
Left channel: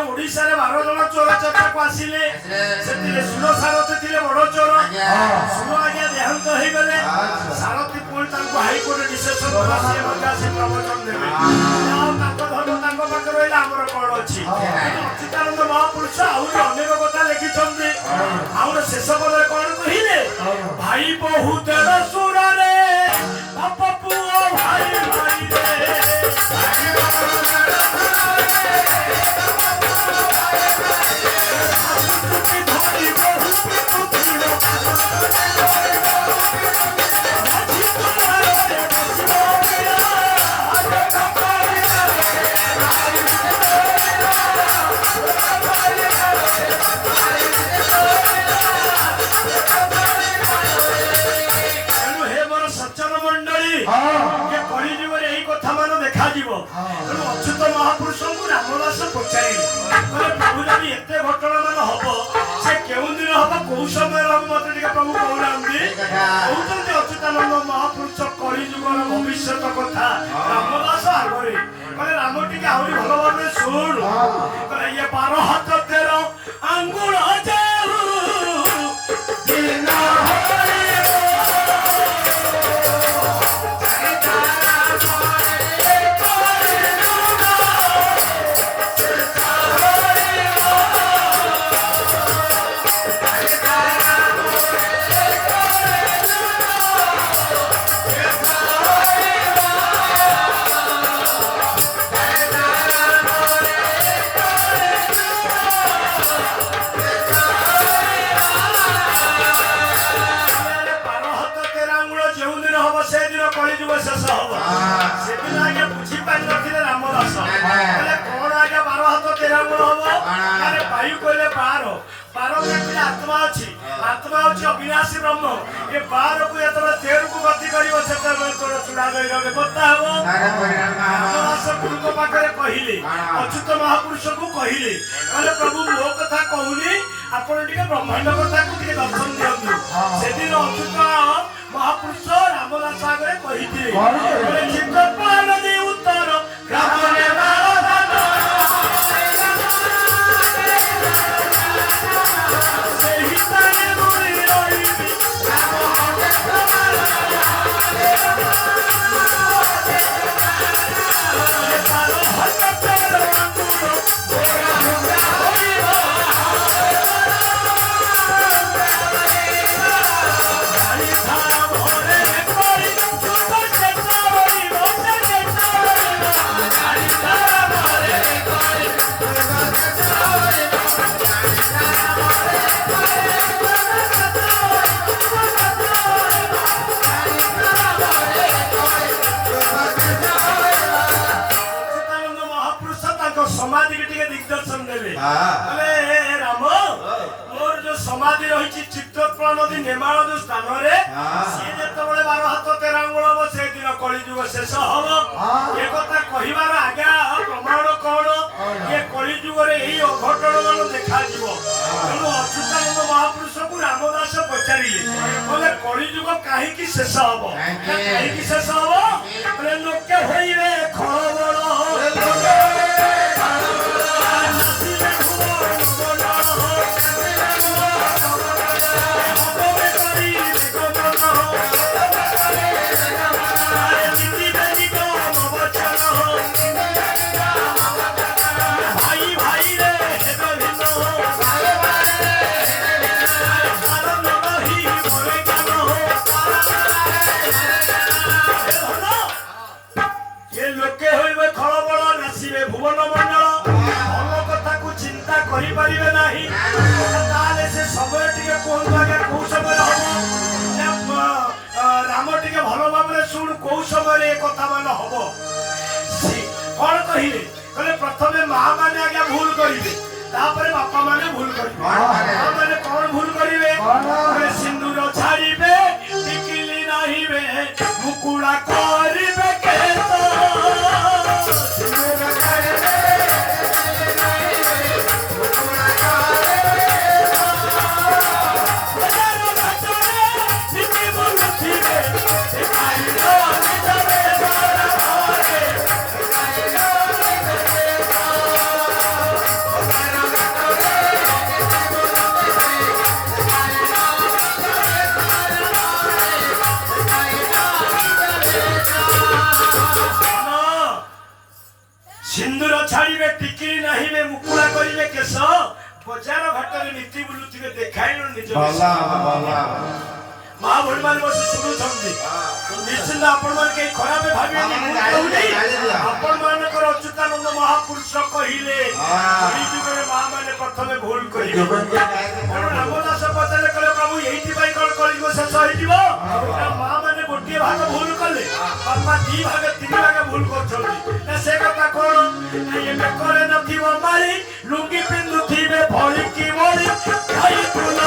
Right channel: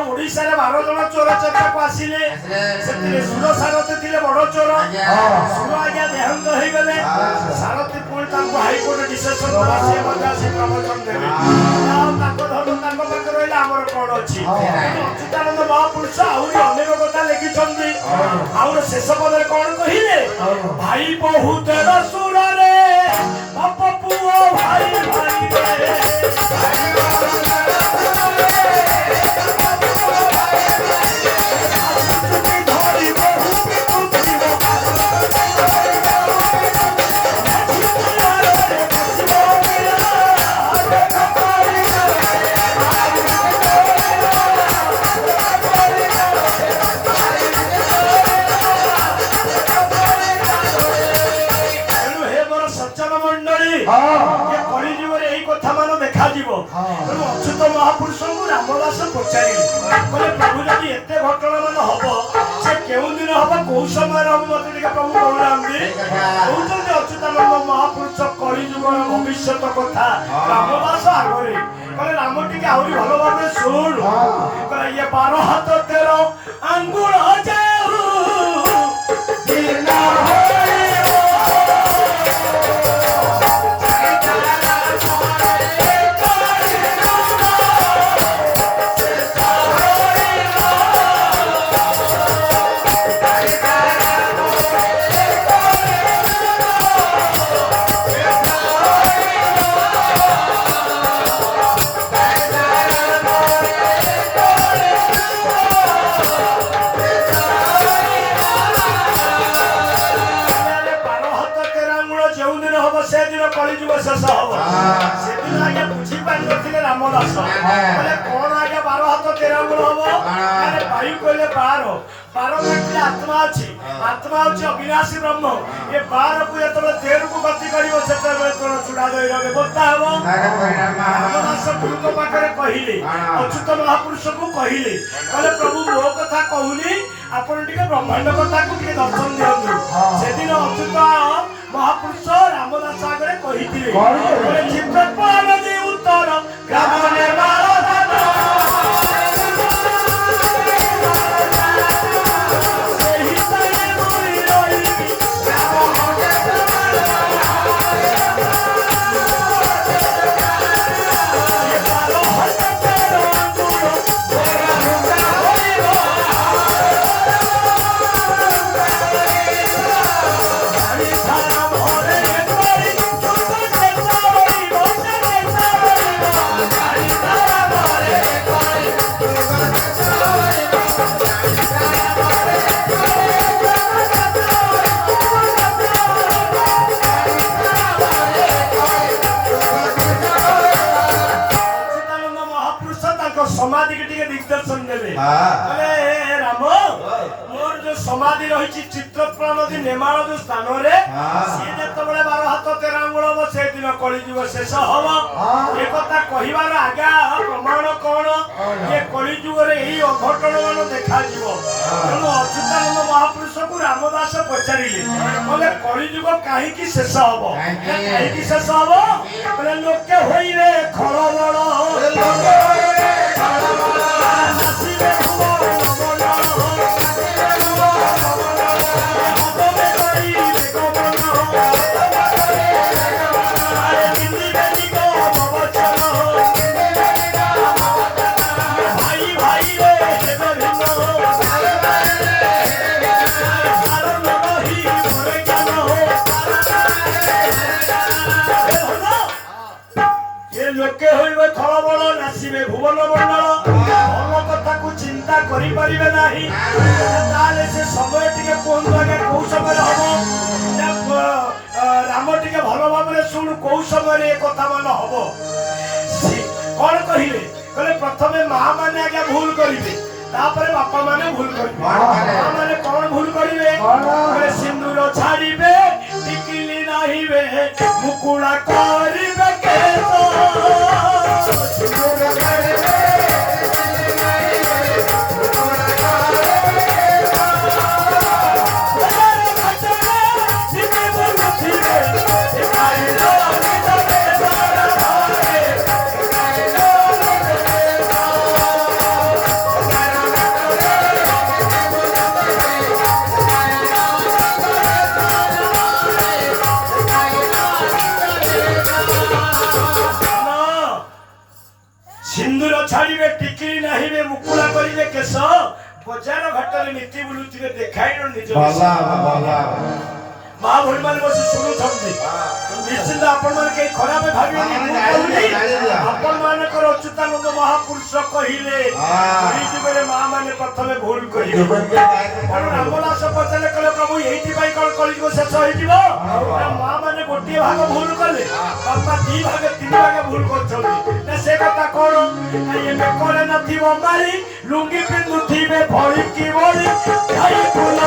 ओडिशा रे 12 जन चोर चर्चा को आसिले सेतिले सुर सारथी थिले बड़ चोर सुर आज्ञा देहांत होई गले सारथी पुल तांको हाई कोर्ट डिसिजन होला से मजा से प्रवचन देबे आ तांको धरो तांको पाख रहला हमर कोड अछि अच्युतानंद महापुरुष आउरी अनेक कथा लिखिछन्ती आउर शेष पदरे कोन कहिले भाई बहुत सुर रे बाप पुओ भाई भाई रे अच्युत महापुरुष को रामदास पचारे प्रभु जब एत घटना मान हम से क्यों दिन हम कौ समय हम मत प्रभु कहना कहते अच्युतानंद महापुरुष कलिजुग भविष्य कथा रामदास आगे कहले राम टी आहरी भल भाव शुण कहले ये 12 हाथ 13 आंगुल कलिजुग शेष हम से दिन आगे बुझी पारि नथिले रामदास कहले कोन आगे 12 हाथ 13 आंगुल हम अरे भाई कहले 12 मिनट आत्मा अछि आत्मा अछि अविनाशी ब्रह्म ये 12 को एतले तेर को गति करिवो सेते तोर छुडा गई रे बता हबो रामदास गुरु को पाखरे कहिले अच्युत महापुरुष को कहिले कहले प्रभु मो कथा कहूनी आपण टिके ब्रह्मांड कथा को टिके दर्शन दियनु से दिन अच्युत महापुरुष रामदास आगे कही चित्रपाल दे उत्तर ग्राम टिके दिग्दर्शन देले अरे राम मोर जो समाधि रही चित्रकला नदी नेमाल जो स्थान रे सी जते बळे 12 हाथ 13 आंगुल हो से दिन कलिजुग शेष हबो ए कथा कहिबार आगा प्रमाण कोन ये कलिजुग रे एही अघटन मान देखा जीवो तेणु अच्युतानंद महापुरुष को रामदास पचारिले बोले कलिजुग काहे की शेष हबो काहे की शेष हबो बोले लोके होइरे खळबळ करि परिबे नाही ताले से समय टिके कोन बागे को समय हबो राम टिके भलो भाबरे सुन को समय रे कथा मान हबो कोन कहिले कहले प्रथमे मां माने आगे भूल करिवे तापरे बापा माने भूल करिवे मां माने कोन भूल करिवे कहले सिंदूर छाड़िबे टिकिली नाहिबे मुकुड़ा करिबे केतो सिंदूर छाड़िबे सिंदूर छाड़िबे टिकिली नाहिबे मुकुड़ा करिबे केस बजार घाटरे नीति बुलुथिबे देखाइनो निज मां भोल मान बसी सुनु छंदी निश्चित आपण मान के खराब भाबिनी आपण मान कर अच्युतानंद महापुरुष कहिले ओई जुगरे मां माने प्रथमे भूल करिबे पण रामदास पतले कले प्रभु एठी भाई कल कलिगो शेष होई दिबो मां माने गोटी भाग भूल कले बापा दी भाग तीन भाग भूल करछली ना से कथा कोन ये में करे नथिबो मारी लुंगी पिंदुथिबे भଳି की भଳି भाई फूल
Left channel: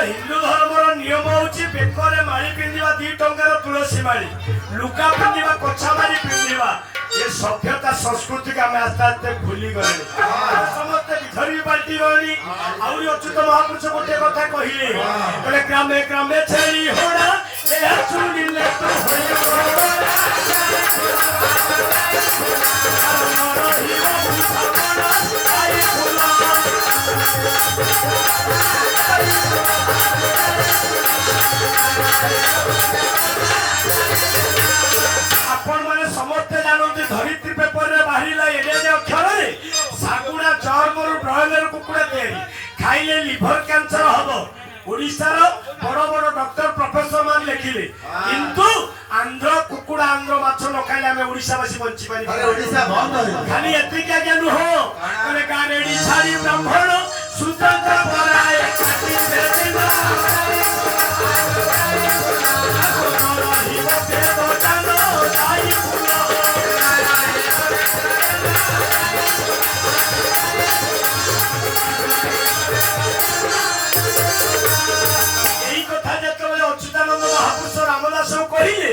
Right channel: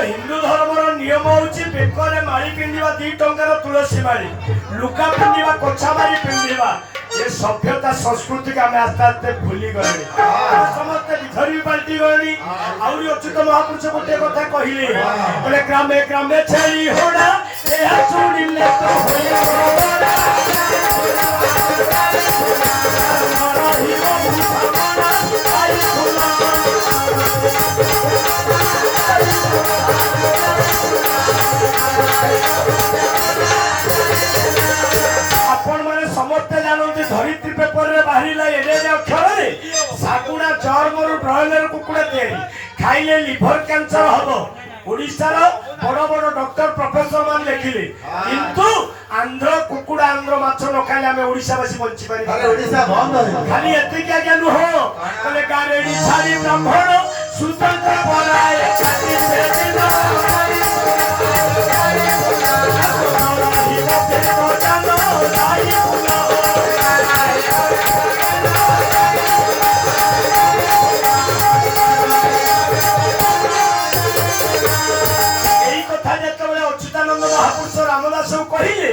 हिंदू धर्म नियम होची बेकरे मारी पिंदिबा 2 टंकार तुलसी मारी लुका पिंदिबा कोछा मारी पिंदिबा ये सभ्यता संस्कृति का मैं आस्ते आस्ते भूली गले समस्त विधरी पार्टी गली आउरी अच्युत महापुरुष गोटे कथा कहिले बोले ग्रामे ग्रामे छेली होड़ा ए सुनिले तो होई आपण माने समस्त जानते धरित्री पेपर रे बाहरिला एडे अक्षर रे साकुड़ा चर्मरु ब्रॉयलर कुकुड़ा तयारी खाइले लिवर कैंसर हबो ओडिसा रो बड़ बड़ डॉक्टर प्रोफेसर मान लिखिले किंतु आंध्र कुकुड़ा आंध्र माछ न खाइले हमें ओडिसावासी बंची पारि अरे ओडिसा बंद खाली एति क्या ज्ञान हो बोले गारेडी छाड़ी ब्राह्मण सुतंत्र बनाए काटी बेदिना अच्युतानंद महापुरुष रामदास कहिले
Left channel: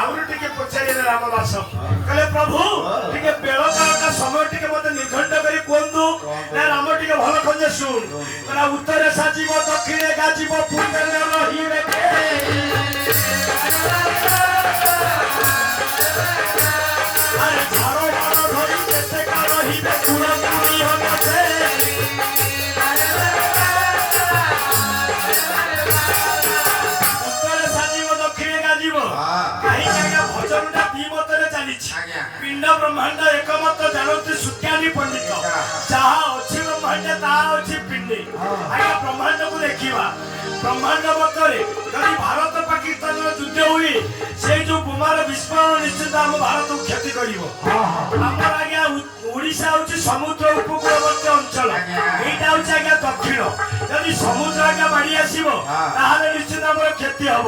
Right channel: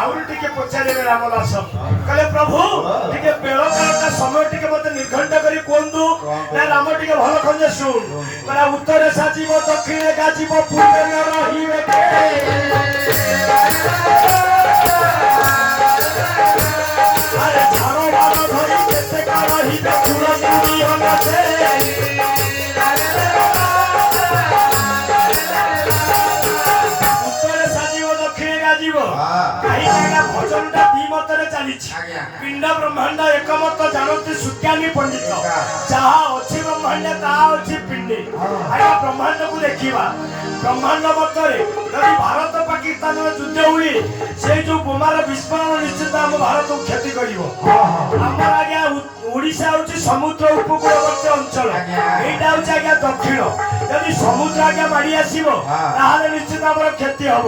आउरी टिके पचारे रामदास कहले प्रभु टिके बेल कालका समय टिके मते निर्घंट करी कोंदु ना राम टिके भलो खंजे सुन कहला उत्तरे साजीव दक्षिणे गाजीव पूर्वे न रहिबे अरे झारो बारो धरी जते का रहिबे कुरंदी होनसे भजनटा द्विमतरे चली पिंड ब्रह्मांड एकमत जानती सुज्ञानी पंडित जहा अच्छी ब्रह्मांड ता अच्छी पिंड କହିଲେ ଆଜ୍ଞା ବ୍ରହ୍ମାଣ୍ଡ को देखिबा ब्रह्मांड मध्य यदि भारत पाकिस्तान युद्ध हुए से जो बोमार विस्फोरण निश्चित आम भारत को क्षति कर आज्ञा ओडिशा हूँ समुद्र उपकूलवर्ती अंचल यहाँ हूँ आज्ञा दक्षिण यदि समुद्र आज्ञा माड़ी आसो निश्चित आम क्षति हम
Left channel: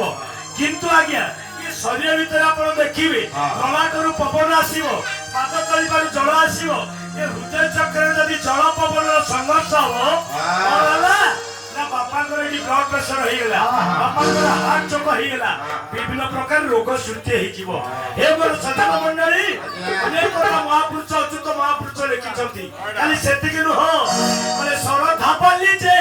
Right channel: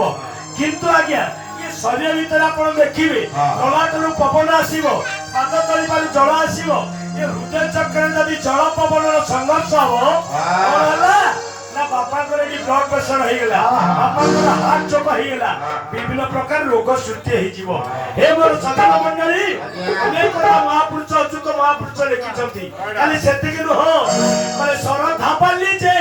किंतु आज्ञा ये शरीर भीतर आप देखिए ललाटू पवन आसो पाद तली जल आसो ये हृदय चक्र यदि जल पवन संघर्ष हम ना बापा ब्लड प्रेशर हो गला बापा हार्ट चोक हो गला विभिन्न प्रकार रोग सृष्टि हो हे मोर सदन मंडली अनेक महापुरुष अच्युत महापुरुष लिखिछंती खाली सेतिक नुह माने सर धापाली जे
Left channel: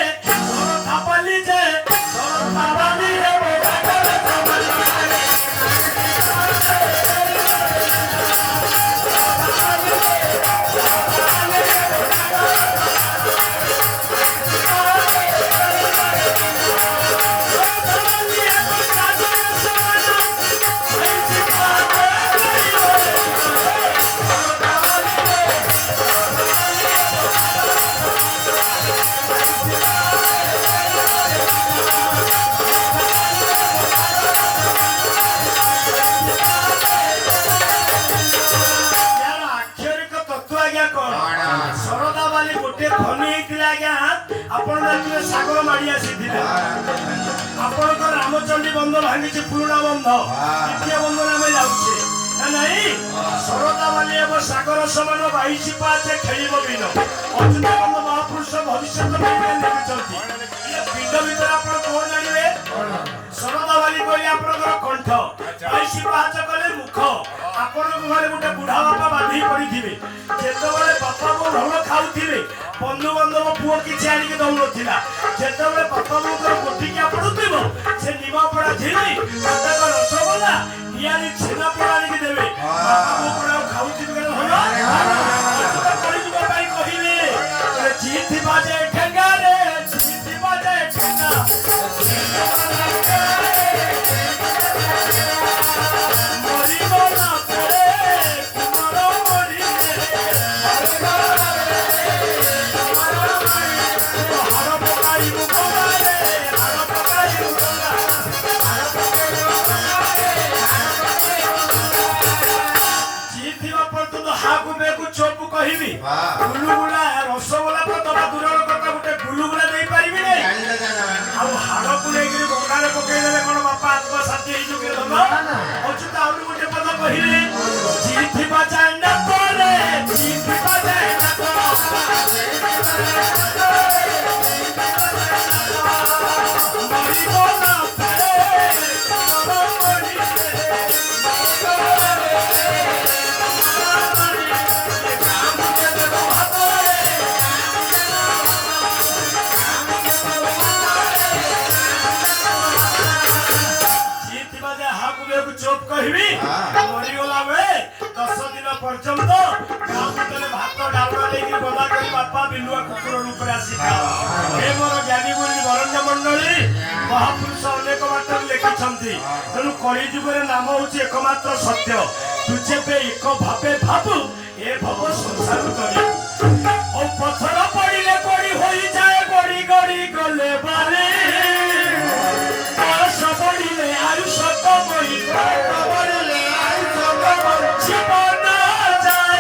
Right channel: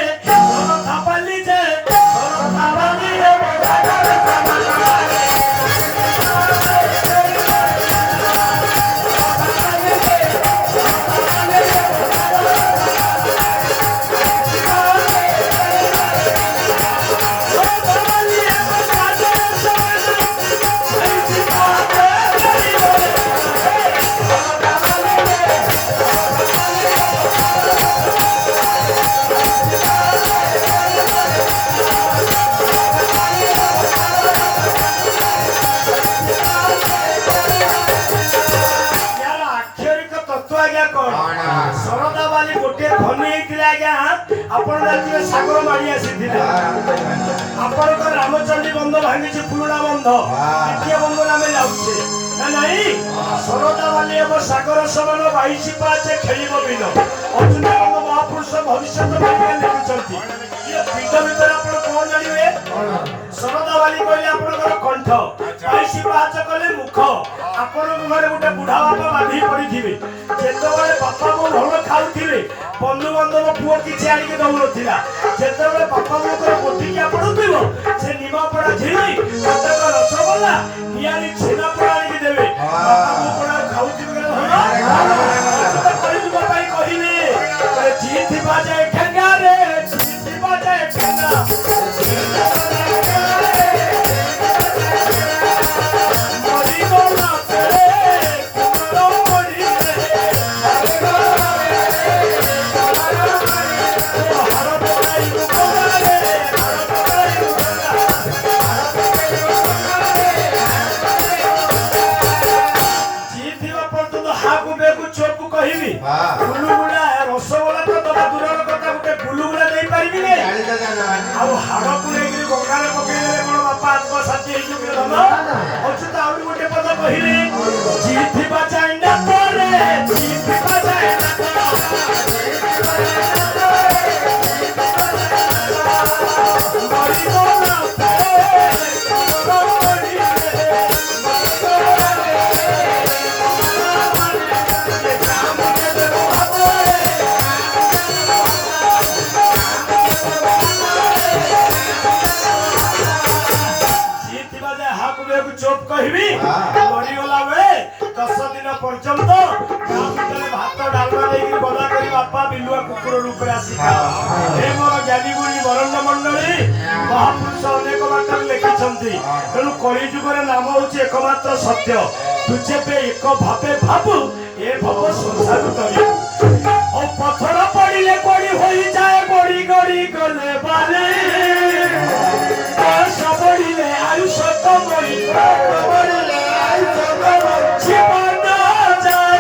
हे सागर माड़ी आसी रामचंडी बंध भांगी पुराणा बंध द्वितीय बंध आम जाऊे नहीं सरदा बाली सागर समान 22 पाचे खेल बिल अच्युत महापुरुष भविष्य पिंड भर आप कौन जानवे सरदा बाली कहले आप कंठ 22 पाच कले मुख आपण घर गोटे बुढ़ा बापा बांधी पड़ी जिते बापा को भल खाऊे बंधु बांधव पुओ किसी आनिक दौड़ा जिते बापा बोर गोटिकिया पड़ुव से निमापड़ा झिली रसगोला निआरी छेनापोड़ा आनिक देवे कहले जी बाजे ठेंगा रे जी बाजे ठेंगा गुलुगुला रसगोला तो दबा दूर कथा गोटे गुलुगुला दे पारिबी नै आ हाड़ को लेके गंगार पकई देले कोन बापा आत्मसाथी हे जो धन अच्युत आउरी गोटे पद कहिले जीथिबा चाइंडा तोरे जीथिबा चाइंडा मारी बोला चोप कहबी मरीगला बेले 10 दिन पर्यंत गाँ भीतर भात डालमा लेकिन गदा करी बापा बिलुआ कुकुर रूप आसी हे मोर ज्ञानी गुणी वरण्ड मंडली महापुरुष अनेक बात लिखिछंती तेणु कली जुगर नाम होची एकमात्र सत्य तुझे पे एक भावे भाबु ए भव संसार तरी ओ पत्थर पड़िले कोड़ी होई जाए गोड़ी गोड़ी गले बाले सबड़िले आयुष कमई सबड़िले आयुष कमई जीवन जाए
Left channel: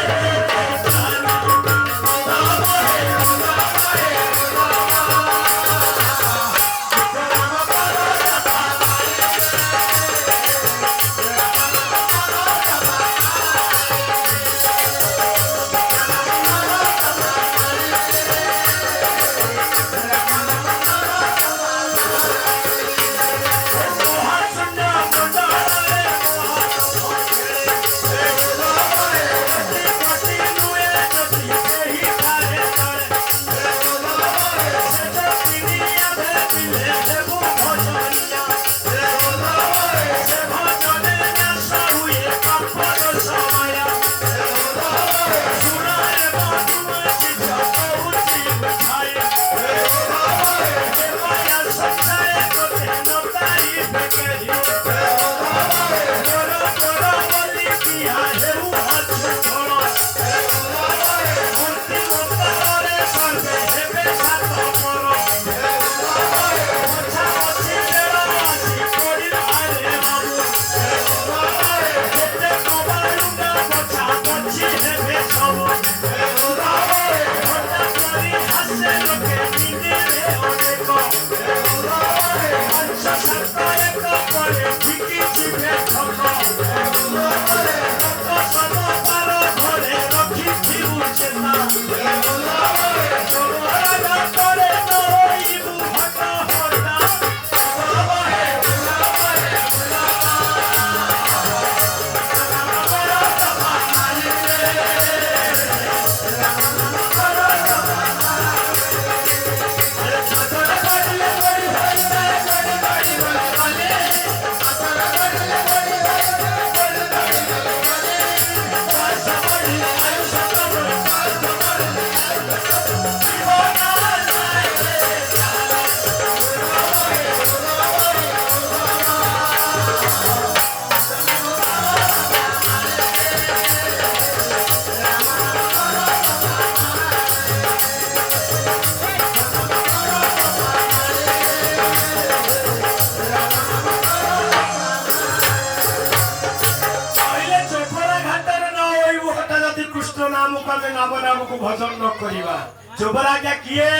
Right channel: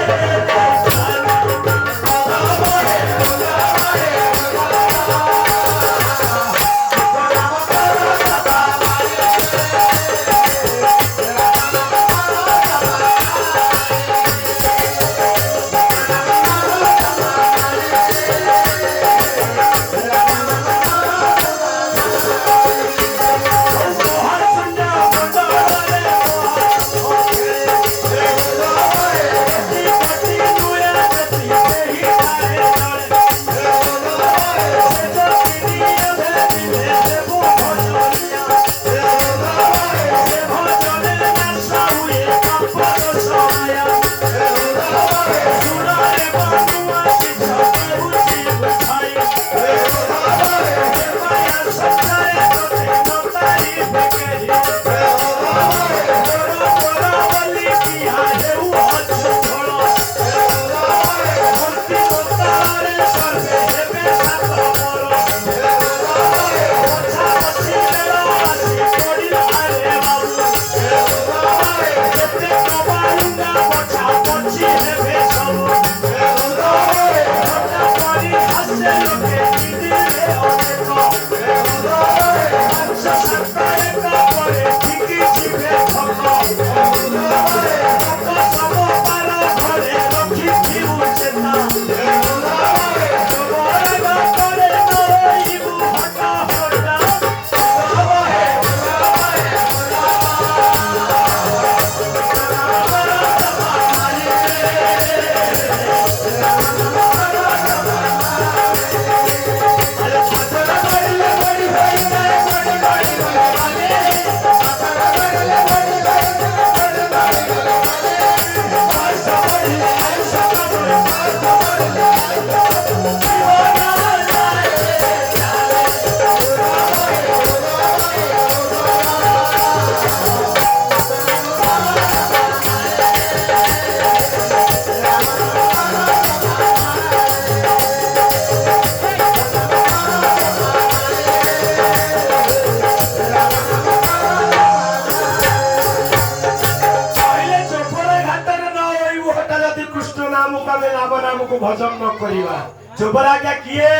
भजन न करिबा जोबरा क्या किए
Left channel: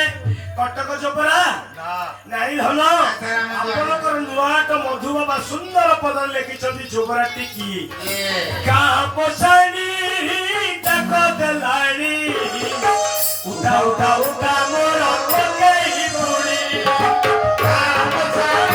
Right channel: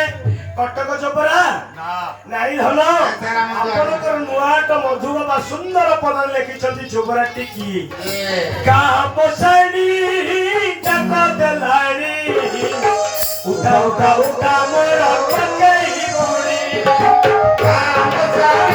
कटक जोबरा नाई धन आपनकर नुआट मधु बाबा सुंदर पद लिखिछथि जोबराटी किए का पोसाणी तक देलाणी उठा उठा उठा मोर पकेई बुणी का पोसाणी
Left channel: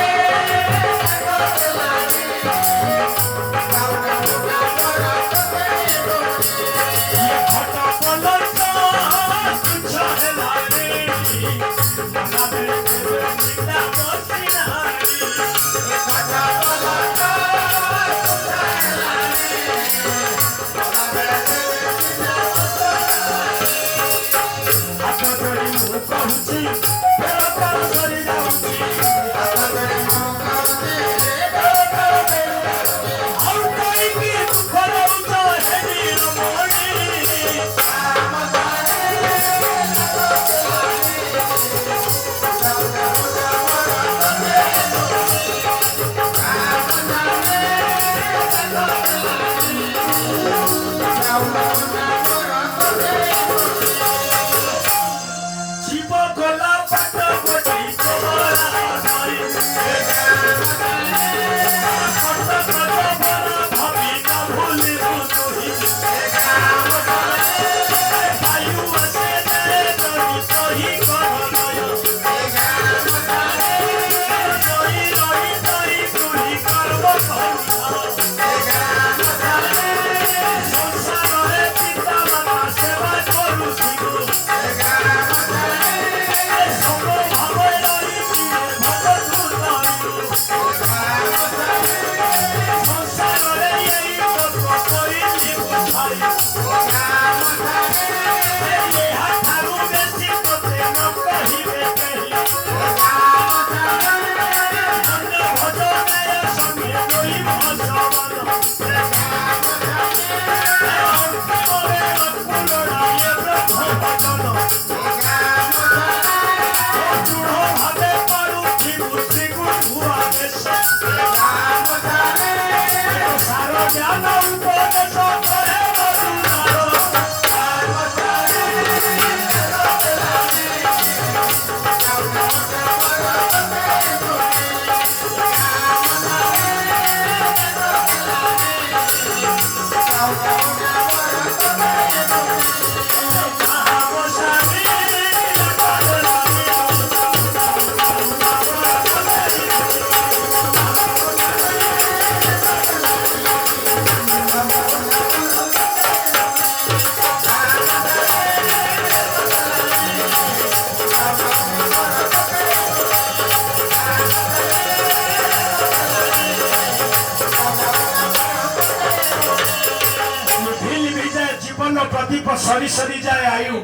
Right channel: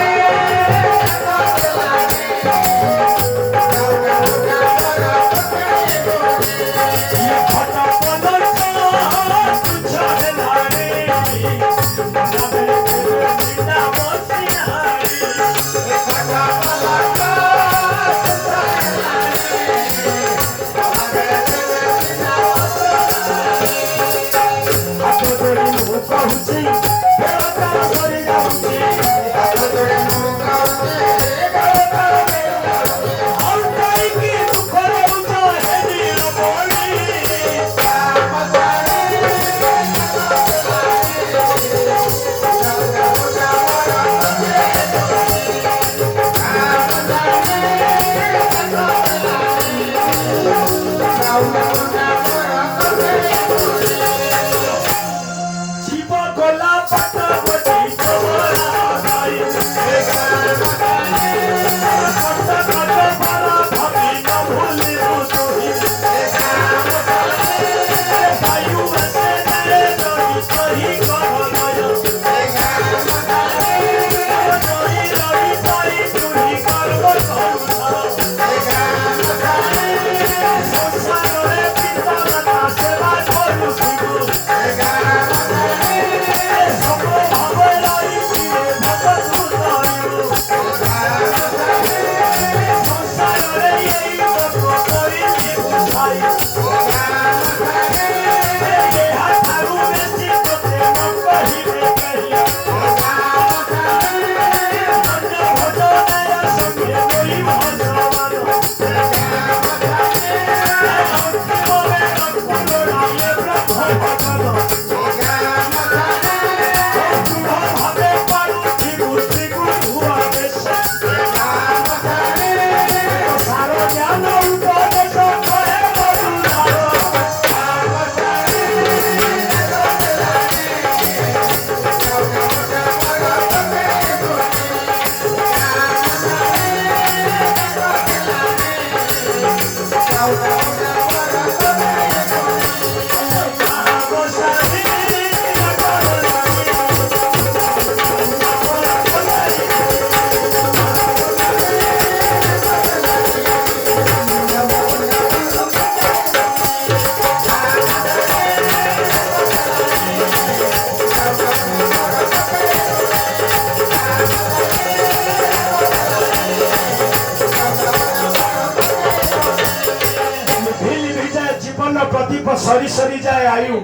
प्रदीप सरी सरी जाए आयु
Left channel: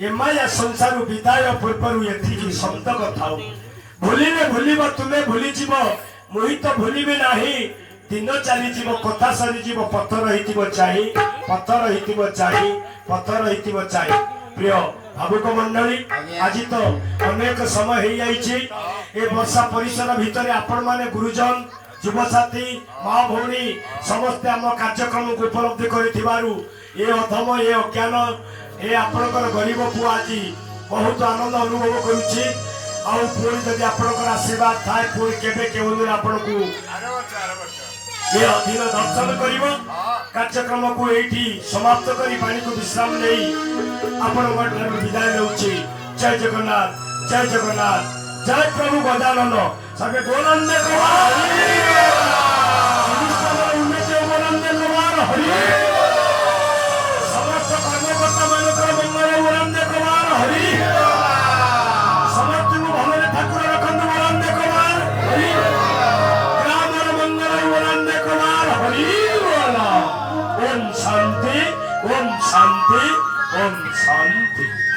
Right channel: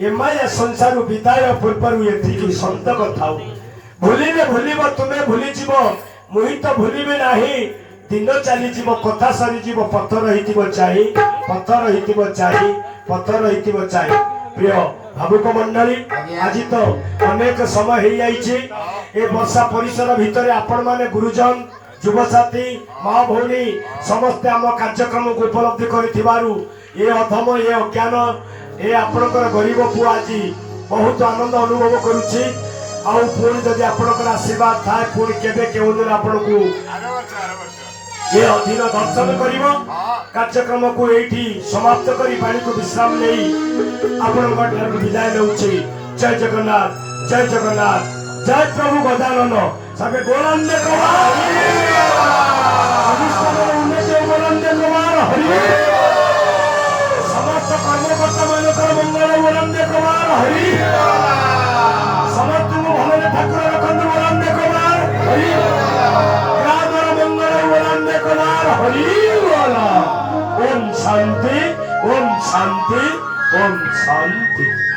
ए माया संसार विदाय पूर्व एथि संतक थाउ भूलिले भूलिब तुम्हें भूली जीव मुहि तो भूलिबे नाही दिन चली जीव कथा सरी जीव पत्थर हितिबो चाहि पत्थर हितिबो चाहि पत्थर हितिबो चाहि प्रिय भावुक मंडली आज तो अनेक समय हो जाइए ए वर्षा परिसर भितर आपण माने गुरुजन युवसाथी माँ भौणी समस्ते आम कार्यक्रम को उपलब्धि करिथिबारु ए अधम ए अज्ञान ए आपणकर गरीब पुआ आज बहुत आनंद अनुभव करुछि आउ पुणी जदि आपणकर आशीर्वाद थाए पुणी केबे केउ दिन आपण को ए अधीन दर्शन करिवो कार्यक्रम को एठी समाप्त करी पानी को विश्राम नहीं आपणकर विदाय लउछि जय जगन्नाथ जय प्रभु गजानन सबे बोलंदे कुमार बोलंदे कुमार हरि समस्त कर्मकर्ता मानकर मंगल बोलंदे कुमार हरि समस्त भले ठाकुर रखंदे बोलंदे कुमार हरि ग्रामर मंगल बोलंदे कुमार हरि बोला ओम शांति ओम शांति ओम शांति।